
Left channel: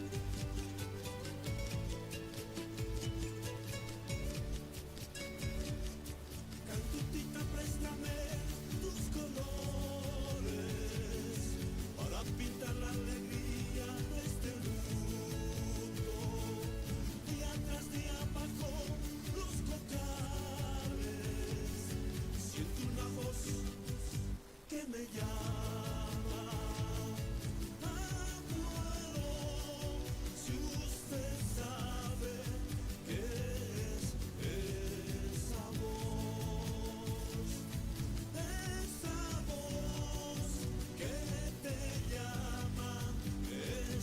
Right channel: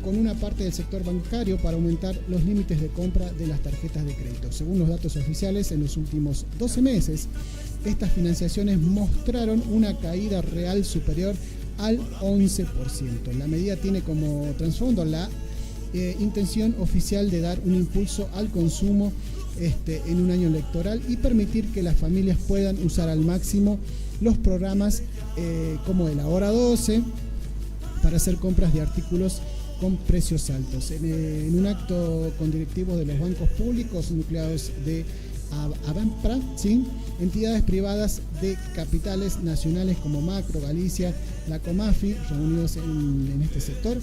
con una parte del sector bancario para aumentar los límites de compra de las tarjetas de crédito. Según los datos oficiales, en los últimos 12 meses, estas financiaciones mostraron una caída real superior al 11%. La medida tiene como trasfondo la intención oficial de dar un impulso al consumo en un año electoral y permitir que las familias puedan usar al máximo los programas como el Ahora 12 para hacer compras de artículos con precios altos. En un acto con directivos de los bancos públicos nucleados de Abampra, ¿sí? Entidades privadas de capitales nacionales como Macro, Galicia, la Comafi, reunidos en este sector,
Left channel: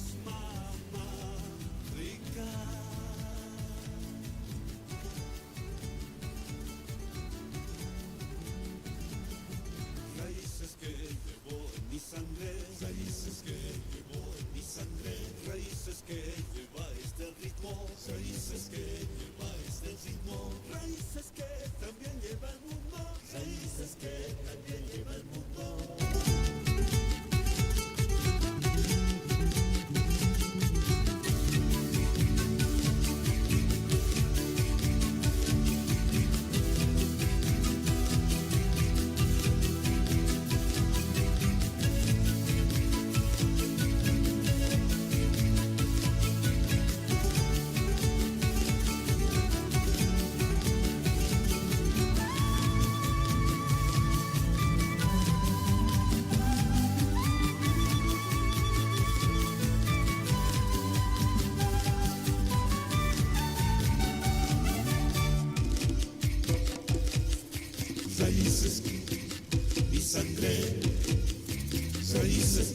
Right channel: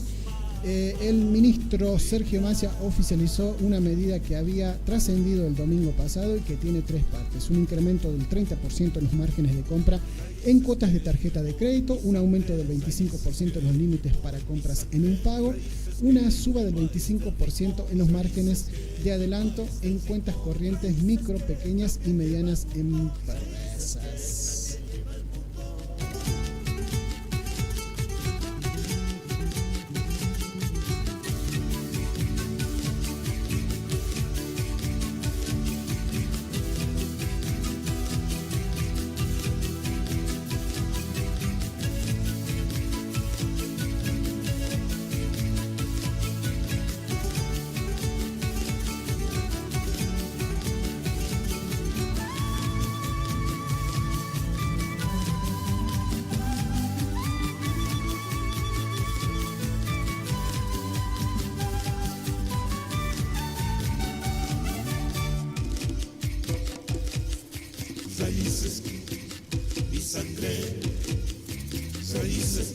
el ministro Sergio Massa oficializó una medida que había trascendido el domingo pasado y que tiene tres partes: un incremento del 30% en los márgenes de compra en cuotas de tarjeta de crédito, un aumento del 25% en los límites para compras en impago, una suba del 25% en los márgenes de adelanto en cuentas corrientes micro, pequeñas y medianas empresas. Raíces y sangre, raíces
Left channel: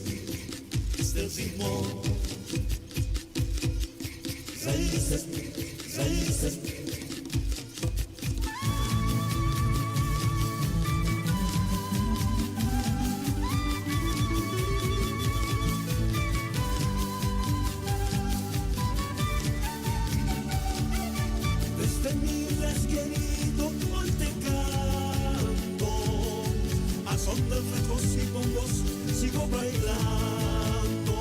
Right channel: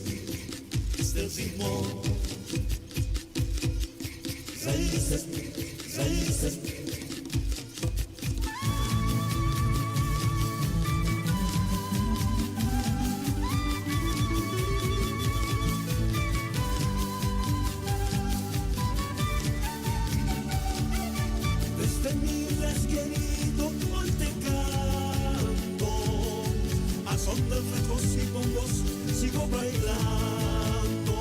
del ritmo, raíces, raíces. Desde mi querido hoy te canto, a son de flacos y bombos sigo bailando,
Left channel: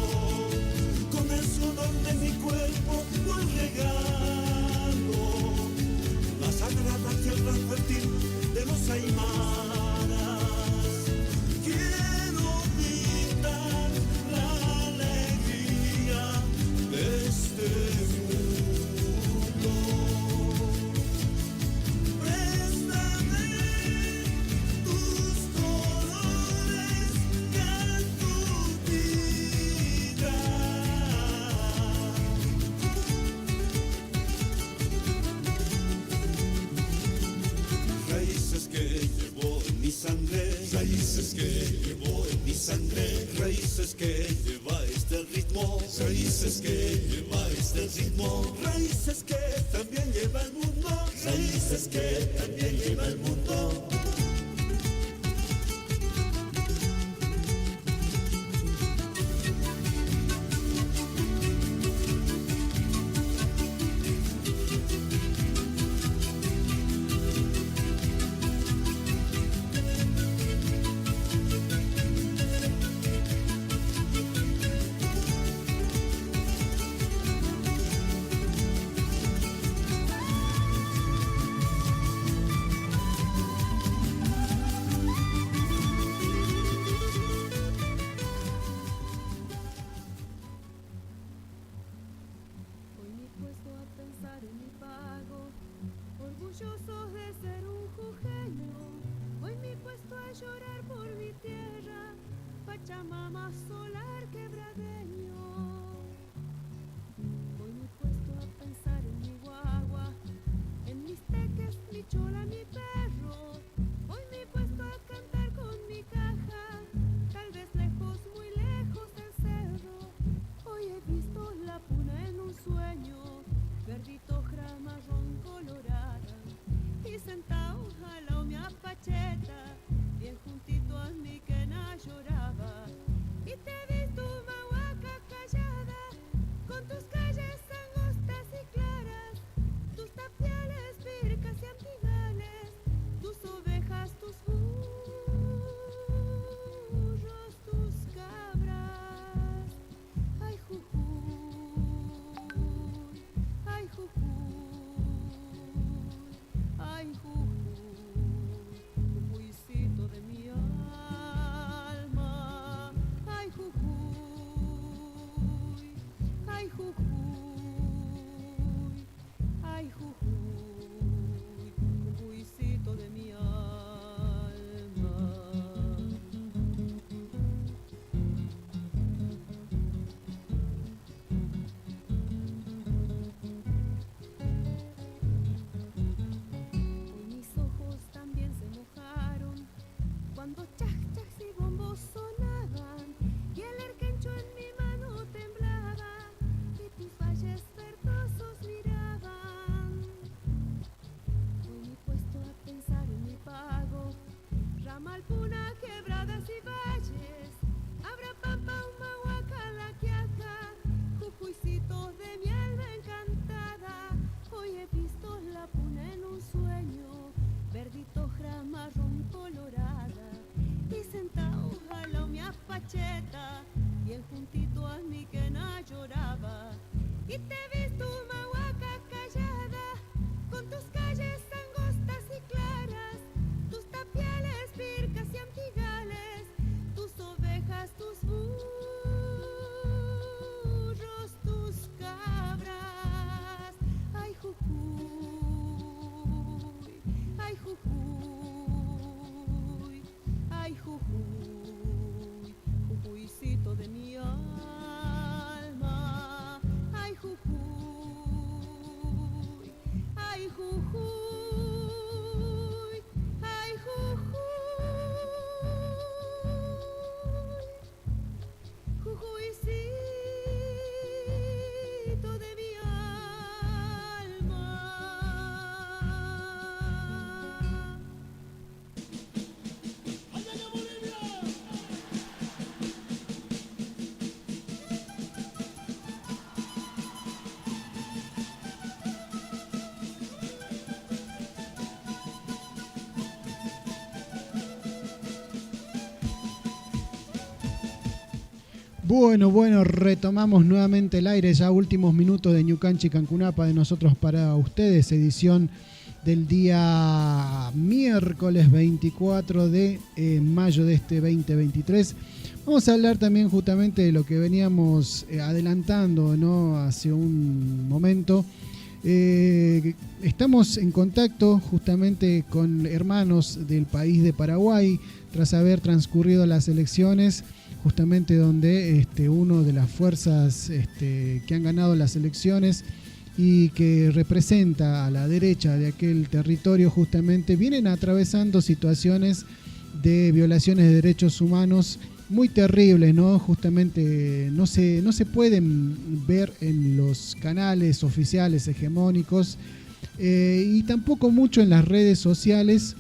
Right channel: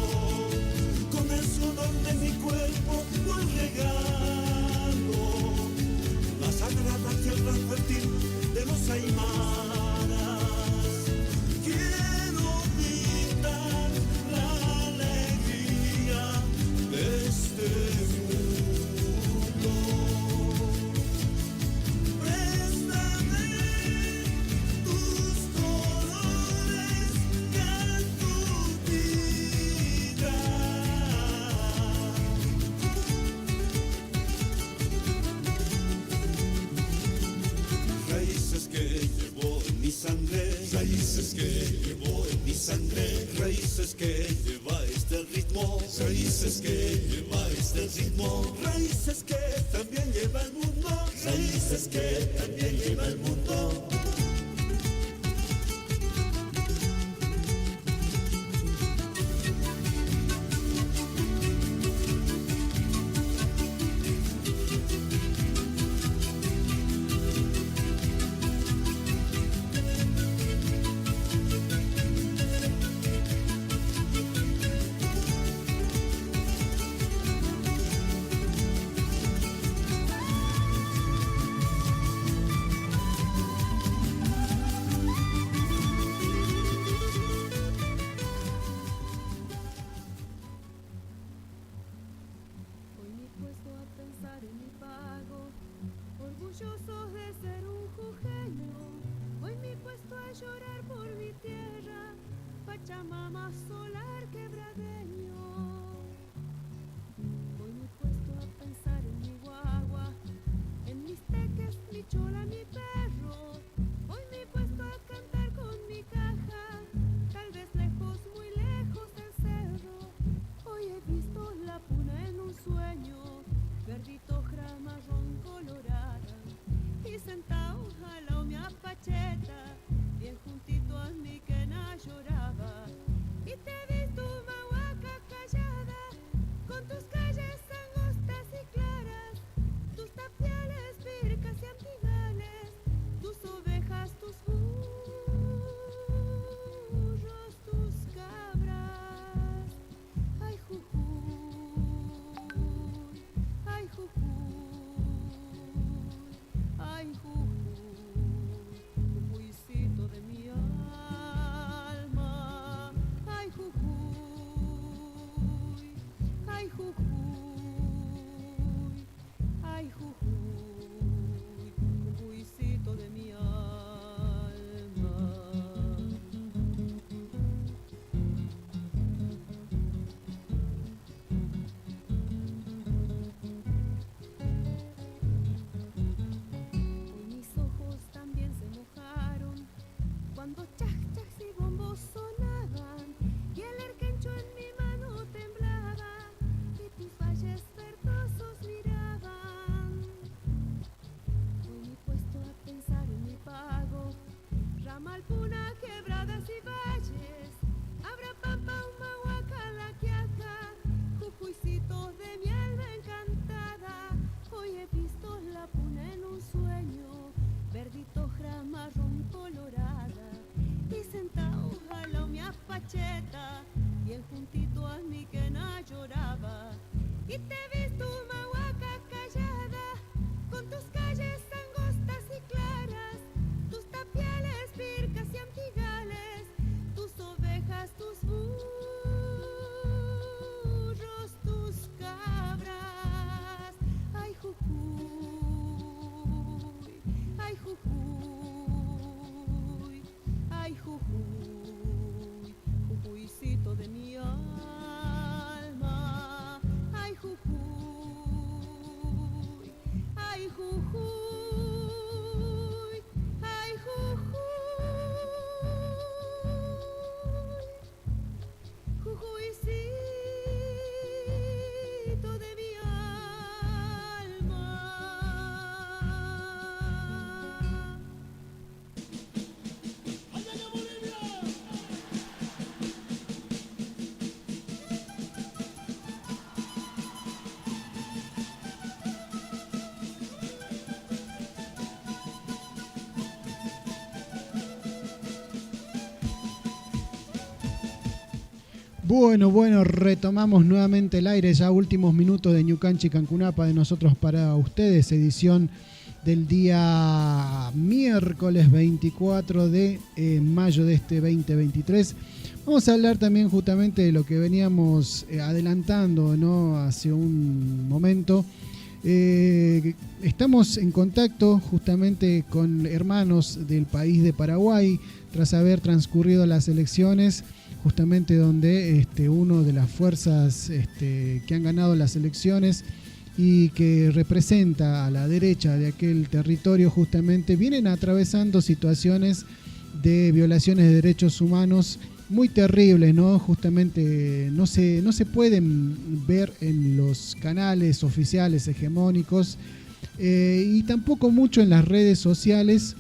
con el sudor de mi cuerpo voy regando la sagrada tierra fértil de los aymaras. Quiero gritar la alegría de este mundo. Préstame tus colores que tu vida. Raíces que llevo en mi sangre, raíces que llevo en mi sangre, raíces que lleva este ritmo, raíces que lleva este ritmo, raíces que también lleva el mundo, raíces que también lleva el mundo. Hoy me he puesto a pensar en mi pago, orgullosos de ser un jujeño. Hoy me he puesto a llorar por mi tierra, Pachamama solar quebradeño. Hoy me he puesto a pensar en mi guagua, en mis teques, mi chola, mi perro. Hoy me he puesto a cantar con mi caja, tal vez lejos, muy lejos del cerro. Hoy he visto la puna en un sueño, verdito, ojra, marrón, colorada, y sentado al lado mi apacheta, bien juntito a mi quena lloraba. Y te he visto mahuaca callada, con tus calles angostas y claras, tus tapiales, pircas y antigales, tus ovejas, tus burros, tus cabras. Ay, Jujuy, ay, Jujuy, ay, Jujuy, Jujuycito de mi alma. Ay, Jujuy, ay, Jujuy, ay, Jujuy, Jujuycito de mi alma. Hoy mis ojos también se mojaron cuando chaj, chaj y bombos sonaban, y el erquencho en mi mano temblaba, y tus valles verdosos miraban. Hoy me he puesto a pensar en mi pago, ramal, puna, quebradas y valles, Abra, Pampa, Humahuaca, La Quiaca, Jujuycito de mi alma encantada. Hoy he visto la puna en un sueño, verdito, ojra, marrón, colorada, y sentado al lado mi apacheta, bien juntito a mi quena lloraba. Y te he visto mahuaca callada, con tus calles angostas y claras, tus tapiales, pircas y antigales, tus ovejas, tus burros, tus cabras. Ay, Jujuy, ay, Jujuy, ay, Jujuy, Jujuycito de mi alma. Ay, Jujuy. Bueno, retomamos nuevamente el aire, ya últimos minutos de Ñucanchi Cancunapa de nosotros para ustedes, edición del día miércoles 24 de mayo de este 2023. Vamos a hablar también justamente de lo que veníamos adelantando, ¿no? Hace un momento. Estamos en contacto justamente con hermanos del país de Paraguay tras haber transcurrido las elecciones, justamente donde uno de las fuerzas que han ganado las elecciones y que representa a la derecha de aquel territorio justamente vienen atravesando situaciones de violaciones de derechos humanos muy terribles, ¿no? Justamente no se pueden ver en los canales oficiales hegemónicos y tampoco mucho en las redes sociales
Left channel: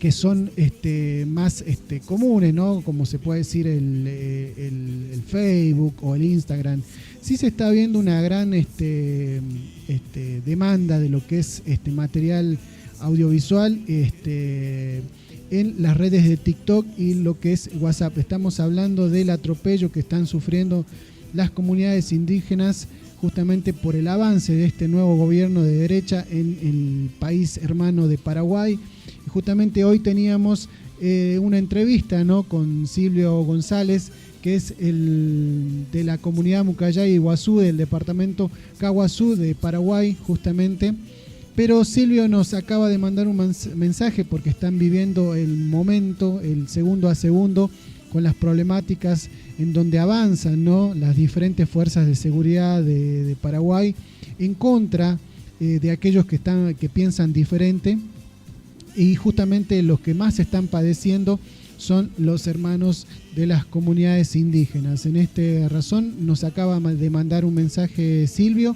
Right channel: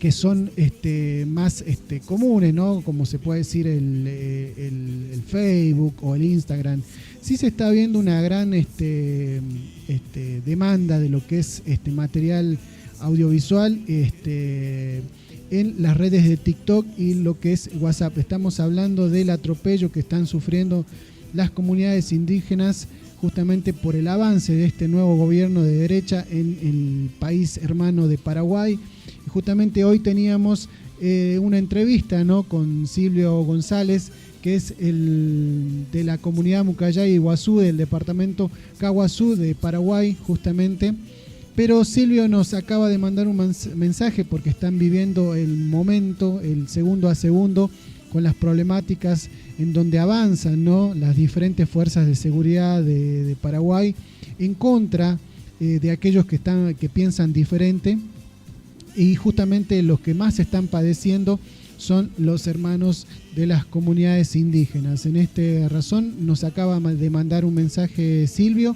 que son más comunes, ¿no? Como se puede decir el Facebook o el Instagram. Sí se está viendo una gran demanda de lo que es material audiovisual en las redes de TikTok y lo que es WhatsApp. Estamos hablando del atropello que están sufriendo las comunidades indígenas justamente por el avance de este nuevo gobierno de derecha en el país hermano de Paraguay. Justamente hoy teníamos una entrevista, ¿no?, con Silvio González, que es el de la comunidad Mucayay Iguazú, del departamento Caguazú de Paraguay, justamente. Pero Silvio nos acaba de mandar un mensaje porque están viviendo el momento, el segundo a segundo, con las problemáticas en donde avanzan, ¿no?, las diferentes fuerzas de seguridad de Paraguay en contra de aquellos que piensan diferente, y justamente los que más están padeciendo son los hermanos de las comunidades indígenas. En esta razón nos acaba de mandar un mensaje Silvio,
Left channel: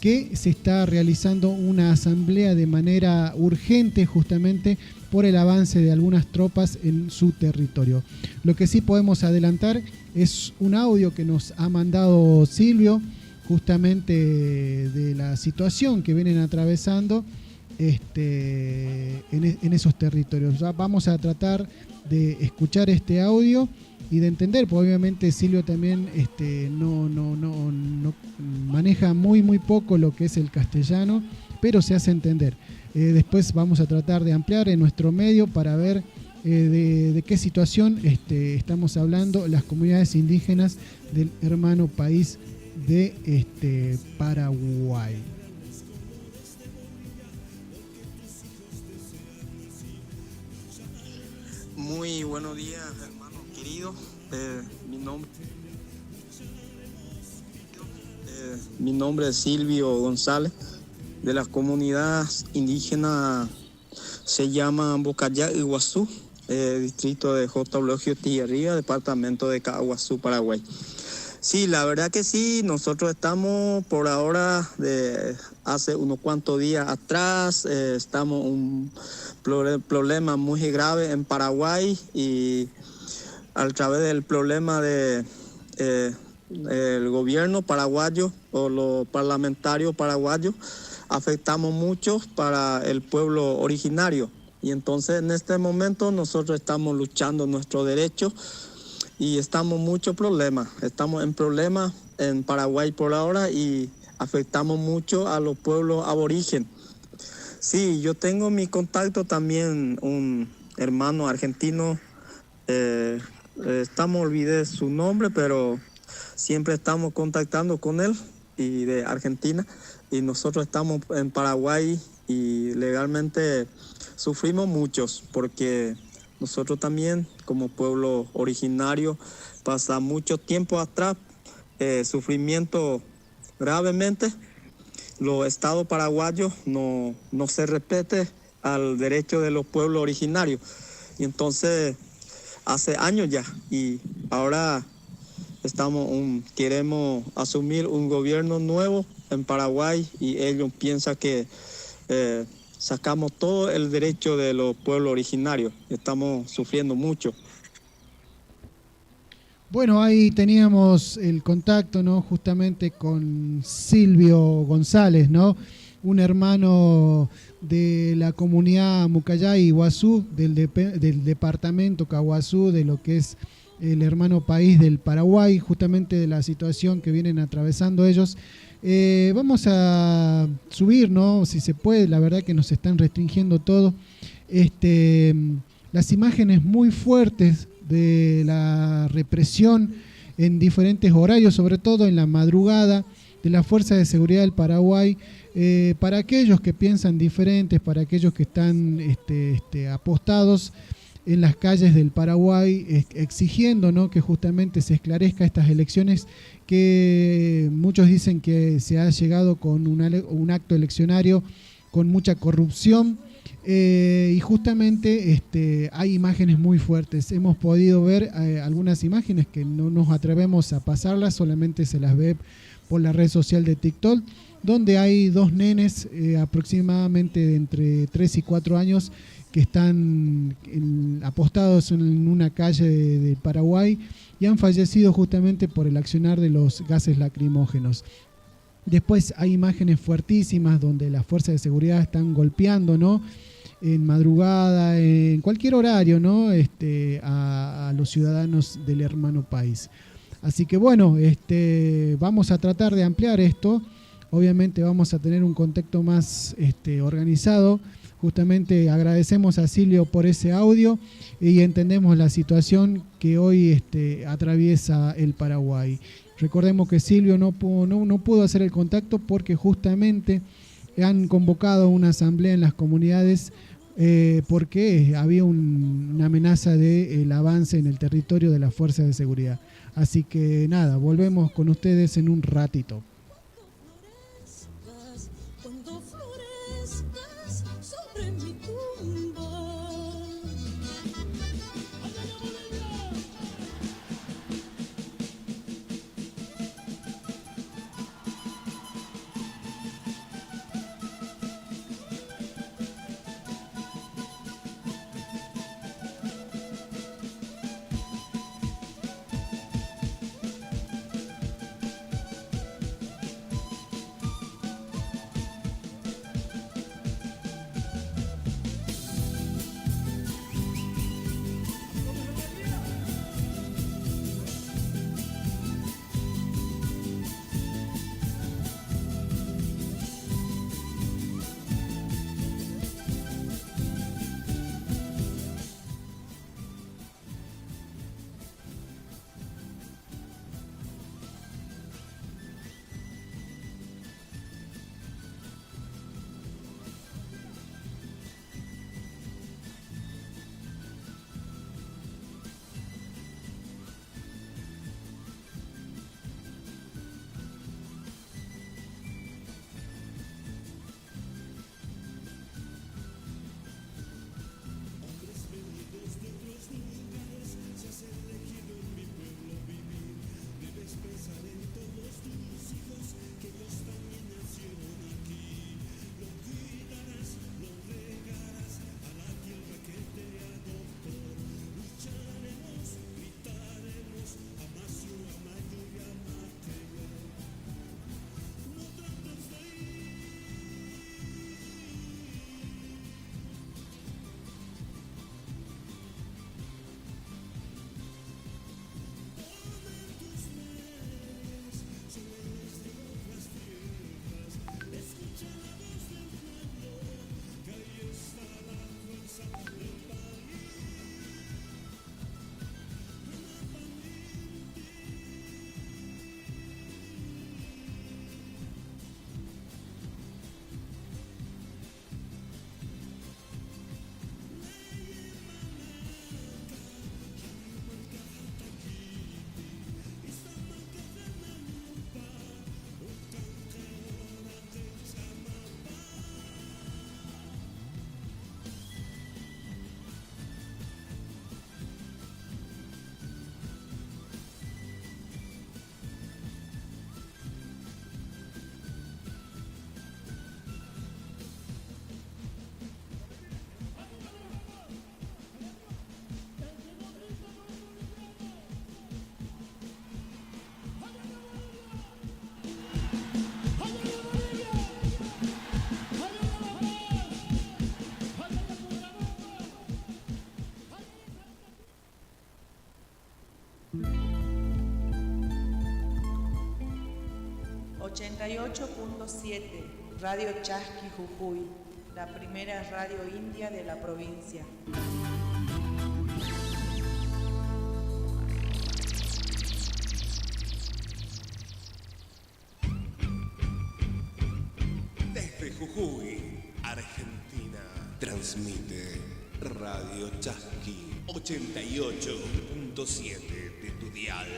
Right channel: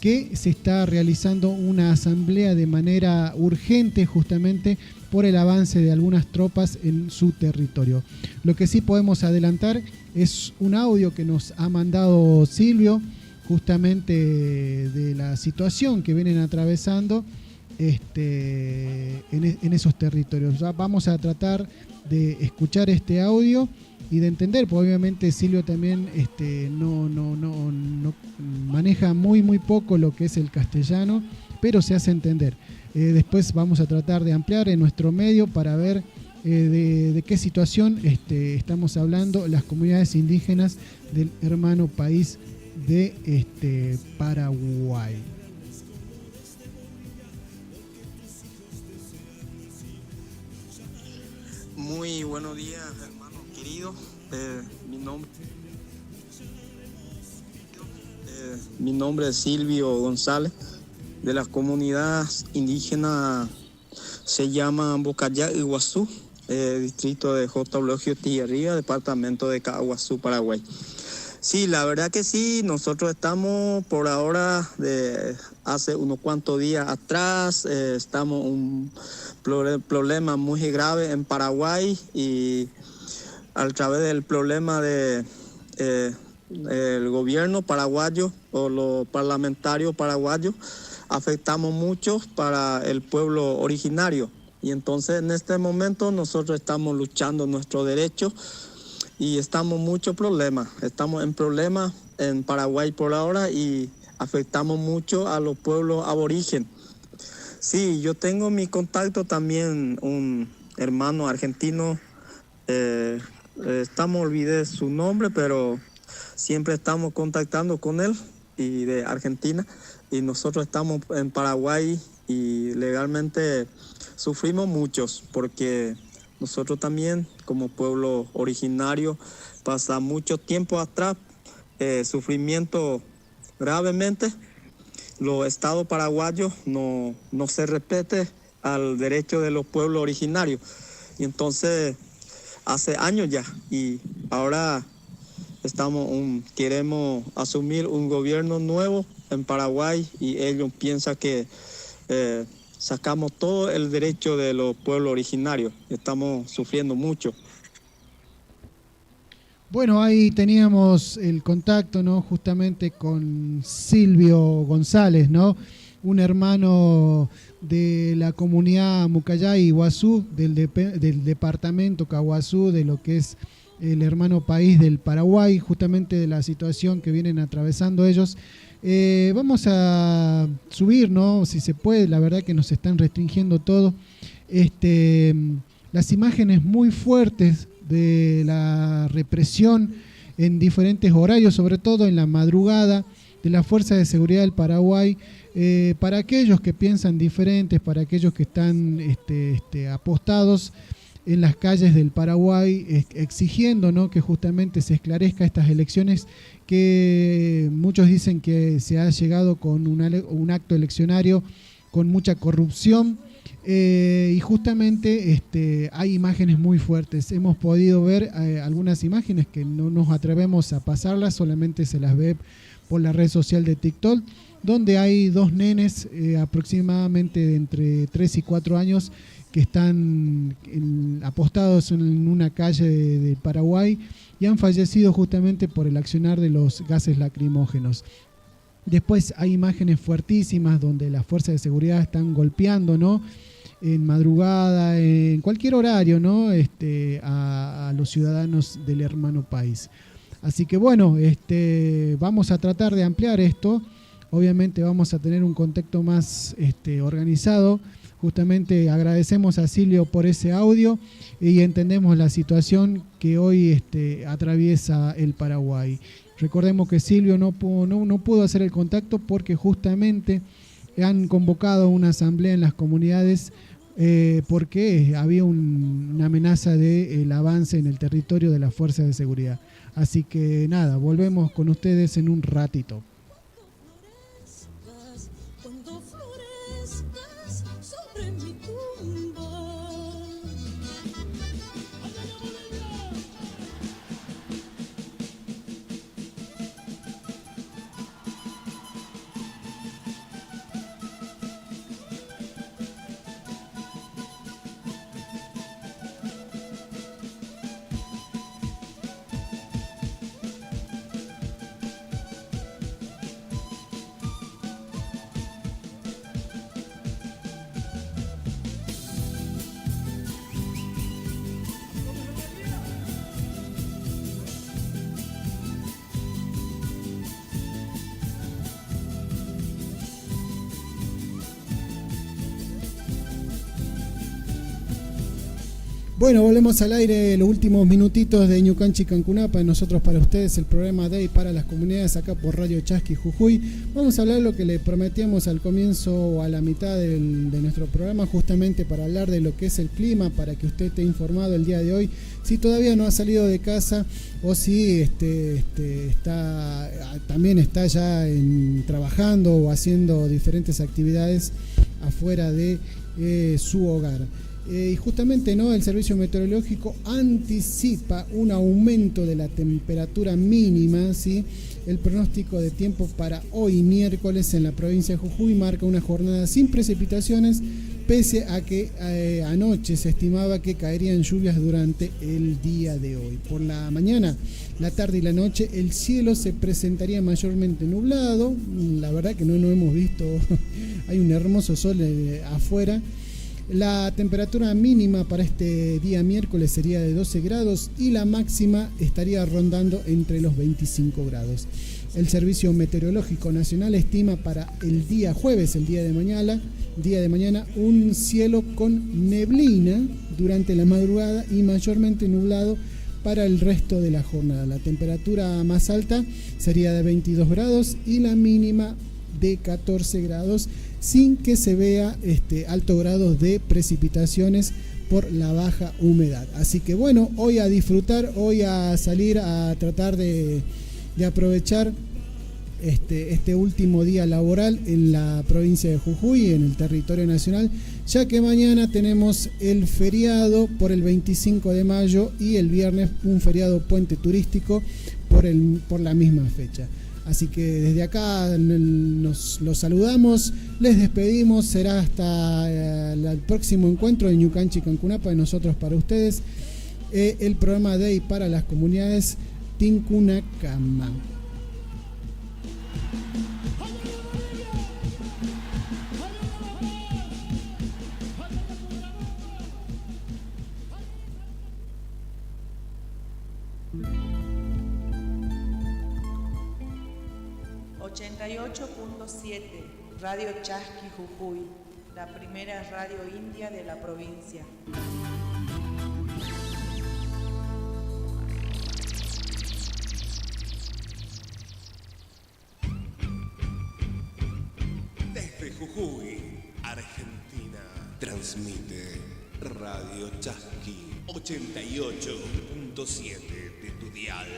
que se está realizando una asamblea de manera urgente justamente por el avance de algunas tropas en su territorio. Lo que sí podemos adelantar es un audio que nos ha mandado Silvio justamente de la situación que vienen atravesando en esos territorios. Ya vamos a tratar de escuchar este audio y de entender, porque obviamente Silvio también no maneja muy poco lo que es el castellano, pero se hace entender. Después vamos a tratar de ampliar en nuestro medio para ver de qué situación estamos hablando las comunidades indígenas del hermano país de Paraguay. Muy buenos días, hermano querido. Mi nombre es Silvio González, de la comunidad indígena se llama Bocayá Iguazú, distrito de J. Eulogio Tijerría, departamento de Caguazú, Paraguay. Sí, la verdad que sí, nosotros estamos por ahora, hace unos cuantos días atrás, estamos un problema muy grave en Paraguay, y a través del problema de el gobierno paraguayo o los parlamentarios paraguayos afectamos mucho para el pueblo originario, y entonces en este momento nosotros estamos luchando nuestros derechos y estamos estamos en problemas en Paraguay por ahora y afectamos mucho a los pueblos aborígenes. Sí, yo tengo mi contacto también, un hermano argentino, olvidé su nombre, pero siempre estamos contactando con él, y de Argentina, y nosotros estamos en Paraguay y legalmente sufrimos muchos, porque nosotros también como pueblo originario pasa mucho tiempo atrás, sufrimiento gravemente. Los estados paraguayos no se respete al derecho de los pueblos originarios. Y entonces, hace años ya, y ahora queremos asumir un gobierno nuevo en Paraguay, y ellos piensan que sacamos todo el derecho de los pueblos originarios. Estamos sufriendo mucho. Bueno, ahí teníamos el contacto, ¿no?, justamente con Silvio González, ¿no?, un hermano de la comunidad Mucayay Iguazú, del departamento Caguazú, de lo que es el hermano país del Paraguay, justamente de la situación que vienen atravesando ellos. Vamos a subir, ¿no? Si se puede, la verdad que nos están restringiendo todo. Las imágenes muy fuertes de la represión en diferentes horarios, sobre todo en la madrugada, de la Fuerza de Seguridad del Paraguay, para aquellos que piensan diferentes, para aquellos que están apostados en las calles del Paraguay, exigiendo, ¿no?, que justamente se esclarezca estas elecciones, que muchos dicen que se ha llegado con un acto eleccionario con mucha corrupción, y justamente hay imágenes muy fuertes. Hemos podido ver algunas imágenes que no nos atrevemos a pasarlas, solamente se las ve por la red social de TikTok, donde hay dos nenes aproximadamente de entre 3 y 4 años que están apostados en una calle de Paraguay y han fallecido justamente por el accionar de los gases lacrimógenos. Después hay imágenes fuertísimas donde las fuerzas de seguridad están golpeando, ¿no?, en madrugada, en cualquier horario, ¿no?, a los ciudadanos del hermano país. Así que bueno, vamos a tratar de ampliar esto. Obviamente vamos a tener un contexto más organizado. Justamente agradecemos a Silvio por ese audio y entendemos la situación que hoy atraviesa el Paraguay. Recordemos que Silvio no pudo hacer el contacto porque justamente han convocado una asamblea en las comunidades porque había una amenaza del avance en el territorio de las fuerzas de seguridad. Así que nada, volvemos con ustedes en un ratito. Cuando florezcas sobre mi tumba. Bueno, volvemos al aire, los últimos minutitos de Ñucanchi Cancunapa, nosotros para ustedes, el programa Day para las comunidades acá por Radio Chasqui Jujuy. Vamos a hablar de lo que le prometíamos al comienzo o a la mitad de nuestro programa, justamente para hablar de lo que es el clima, para que usted esté informado el día de hoy, si todavía no ha salido de casa o si también está ya trabajando o haciendo diferentes actividades afuera de su hogar. Y justamente, ¿no?, el Servicio Meteorológico anticipa un aumento de la temperatura mínima, ¿sí? El pronóstico de tiempo para hoy miércoles en la provincia de Jujuy marca una jornada sin precipitaciones, pese a que anoche se estimaba que caerían lluvias durante el día de hoy. Por la mañana, la tarde y la noche el cielo se presentaría mayormente nublado. La verdad que no lo hemos visto, hay un hermoso sol afuera. La temperatura mínima para este día miércoles sería de 12 grados y la máxima estaría rondando entre los 25 grados. El Servicio Meteorológico Nacional estima para el día jueves, el día de mañana, un cielo con neblina durante la madrugada y mayormente nublado para el resto de la jornada. La temperatura más alta sería de 22 grados y la mínima de 14 grados, sin que se vea altos grados de precipitaciones por la baja humedad. Así que bueno, hoy a disfrutar, hoy a salir a tratar de aprovechar este último día laboral en la provincia de Jujuy, en el territorio nacional, ya que mañana tenemos el feriado por el 25 de mayo y el viernes un feriado puente turístico por la misma fecha. Así que desde acá los saludamos, les despedimos, será hasta el próximo encuentro de Ñucanchi Cancunapa, de nosotros para ustedes, el programa Day para las comunidades Tincunacama. 88.7, Radio Chasqui Jujuy, la primera radio india de la provincia. Desde Jujuy, Argentina, transmite Radio Chasqui 88.7 de tu dial.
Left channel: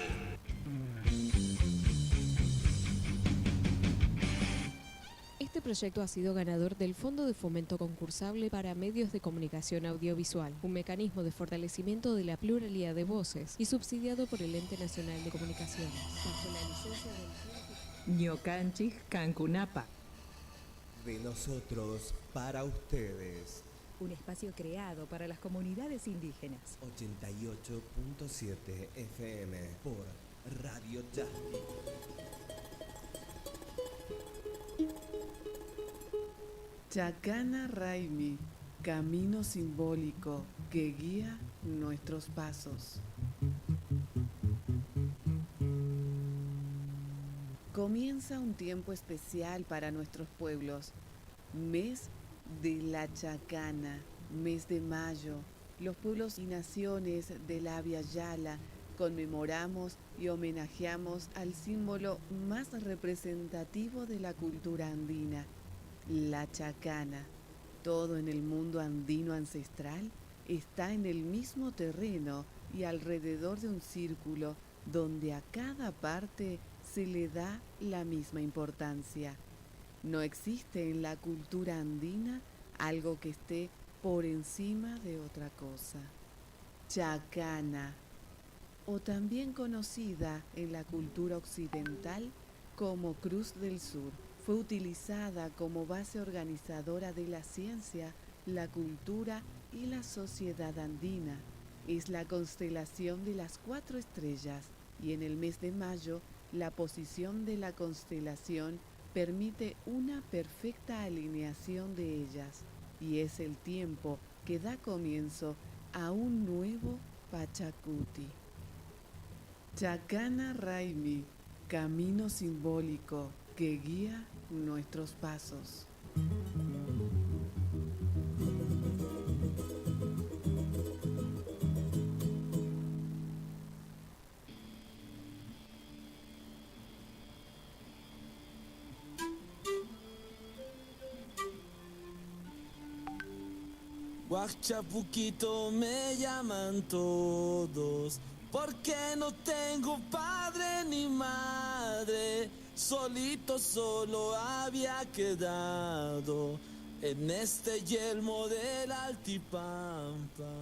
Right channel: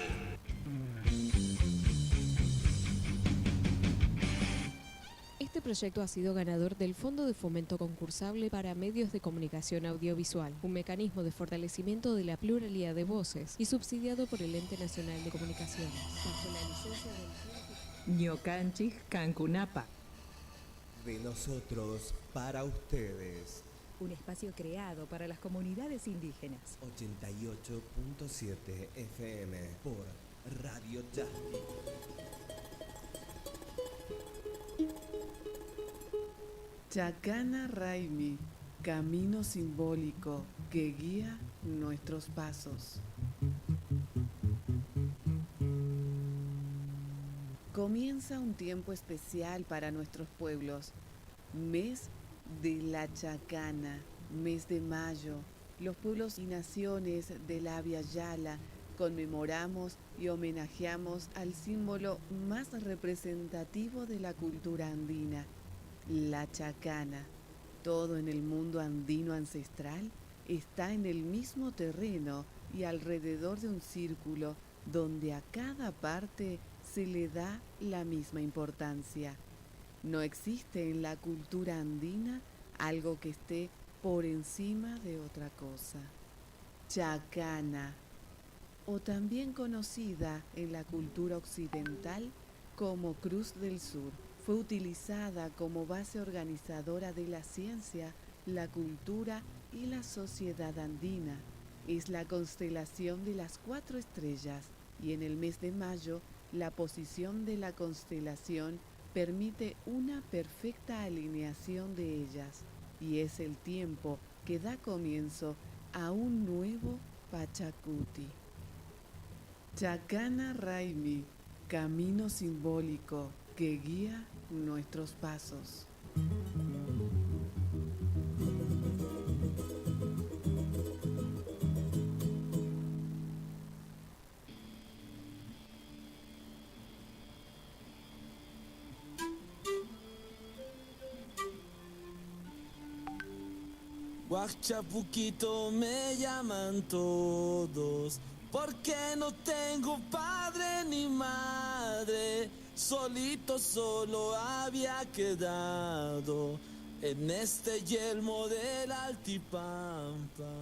Este proyecto ha sido ganador del Fondo de Fomento Concursable para Medios de Comunicación Audiovisual, un mecanismo de fortalecimiento de la pluralidad de voces y subsidiado por el Ente Nacional de Comunicaciones, bajo la licencia del Ñukanchik Cancunapa. De nosotros para ustedes. Un espacio creado para las comunidades indígenas. 88.7 FM por Radio Chasqui. Chacana Raimi, camino simbólico que guía nuestros pasos. Comienza un tiempo especial para nuestros pueblos, mes de la Chacana, mes de mayo. Los pueblos y naciones del Abya Yala conmemoramos y homenajeamos al símbolo más representativo de la cultura andina, la chacana. Todo en el mundo andino ancestral está en el mismo terreno y alrededor de un círculo donde a cada parte se le da la misma importancia. No existe en la cultura andina algo que esté por encima de otra cosa. Chacana, o también conocida en la cultura occidental como Cruz del Sur, fue utilizada como base organizadora de la ciencia, la cultura y la sociedad andina. Es la constelación de las 4 estrellas y en el mes de mayo la posición de la constelación permite una perfecta alineación de ellas y es el tiempo que da comienzo a un nuevo Pachacuti. Chacana Raimi, camino simbólico que guía nuestros pasos. Guachapuquito me llaman todos, porque no tengo padre ni madre, solito solo había quedado en este yelmo del Altipampa.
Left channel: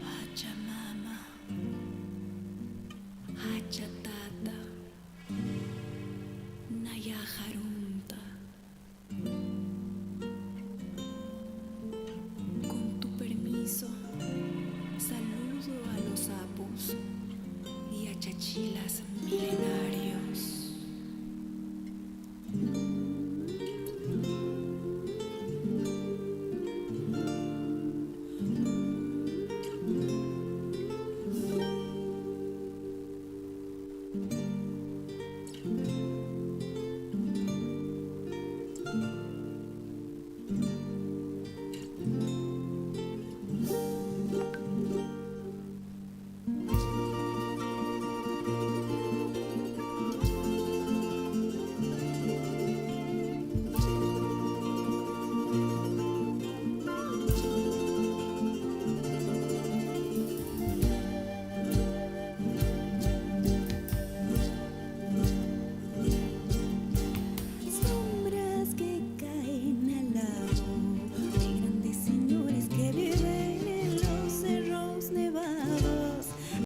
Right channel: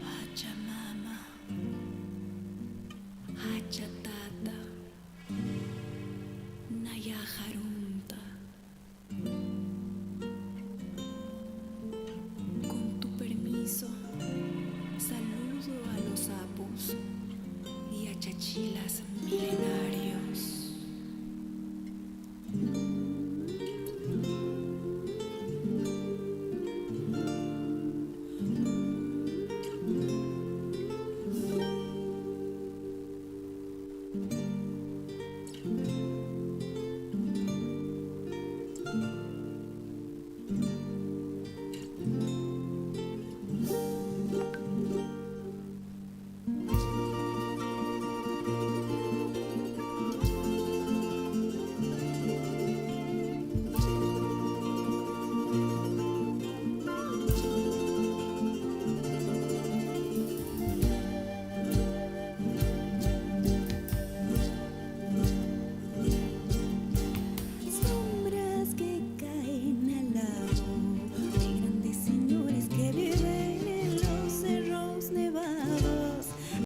Pachamama, Hachatata, Nayajarunta. Con tu permiso, saludo a los sapos y a chachilas milenarios.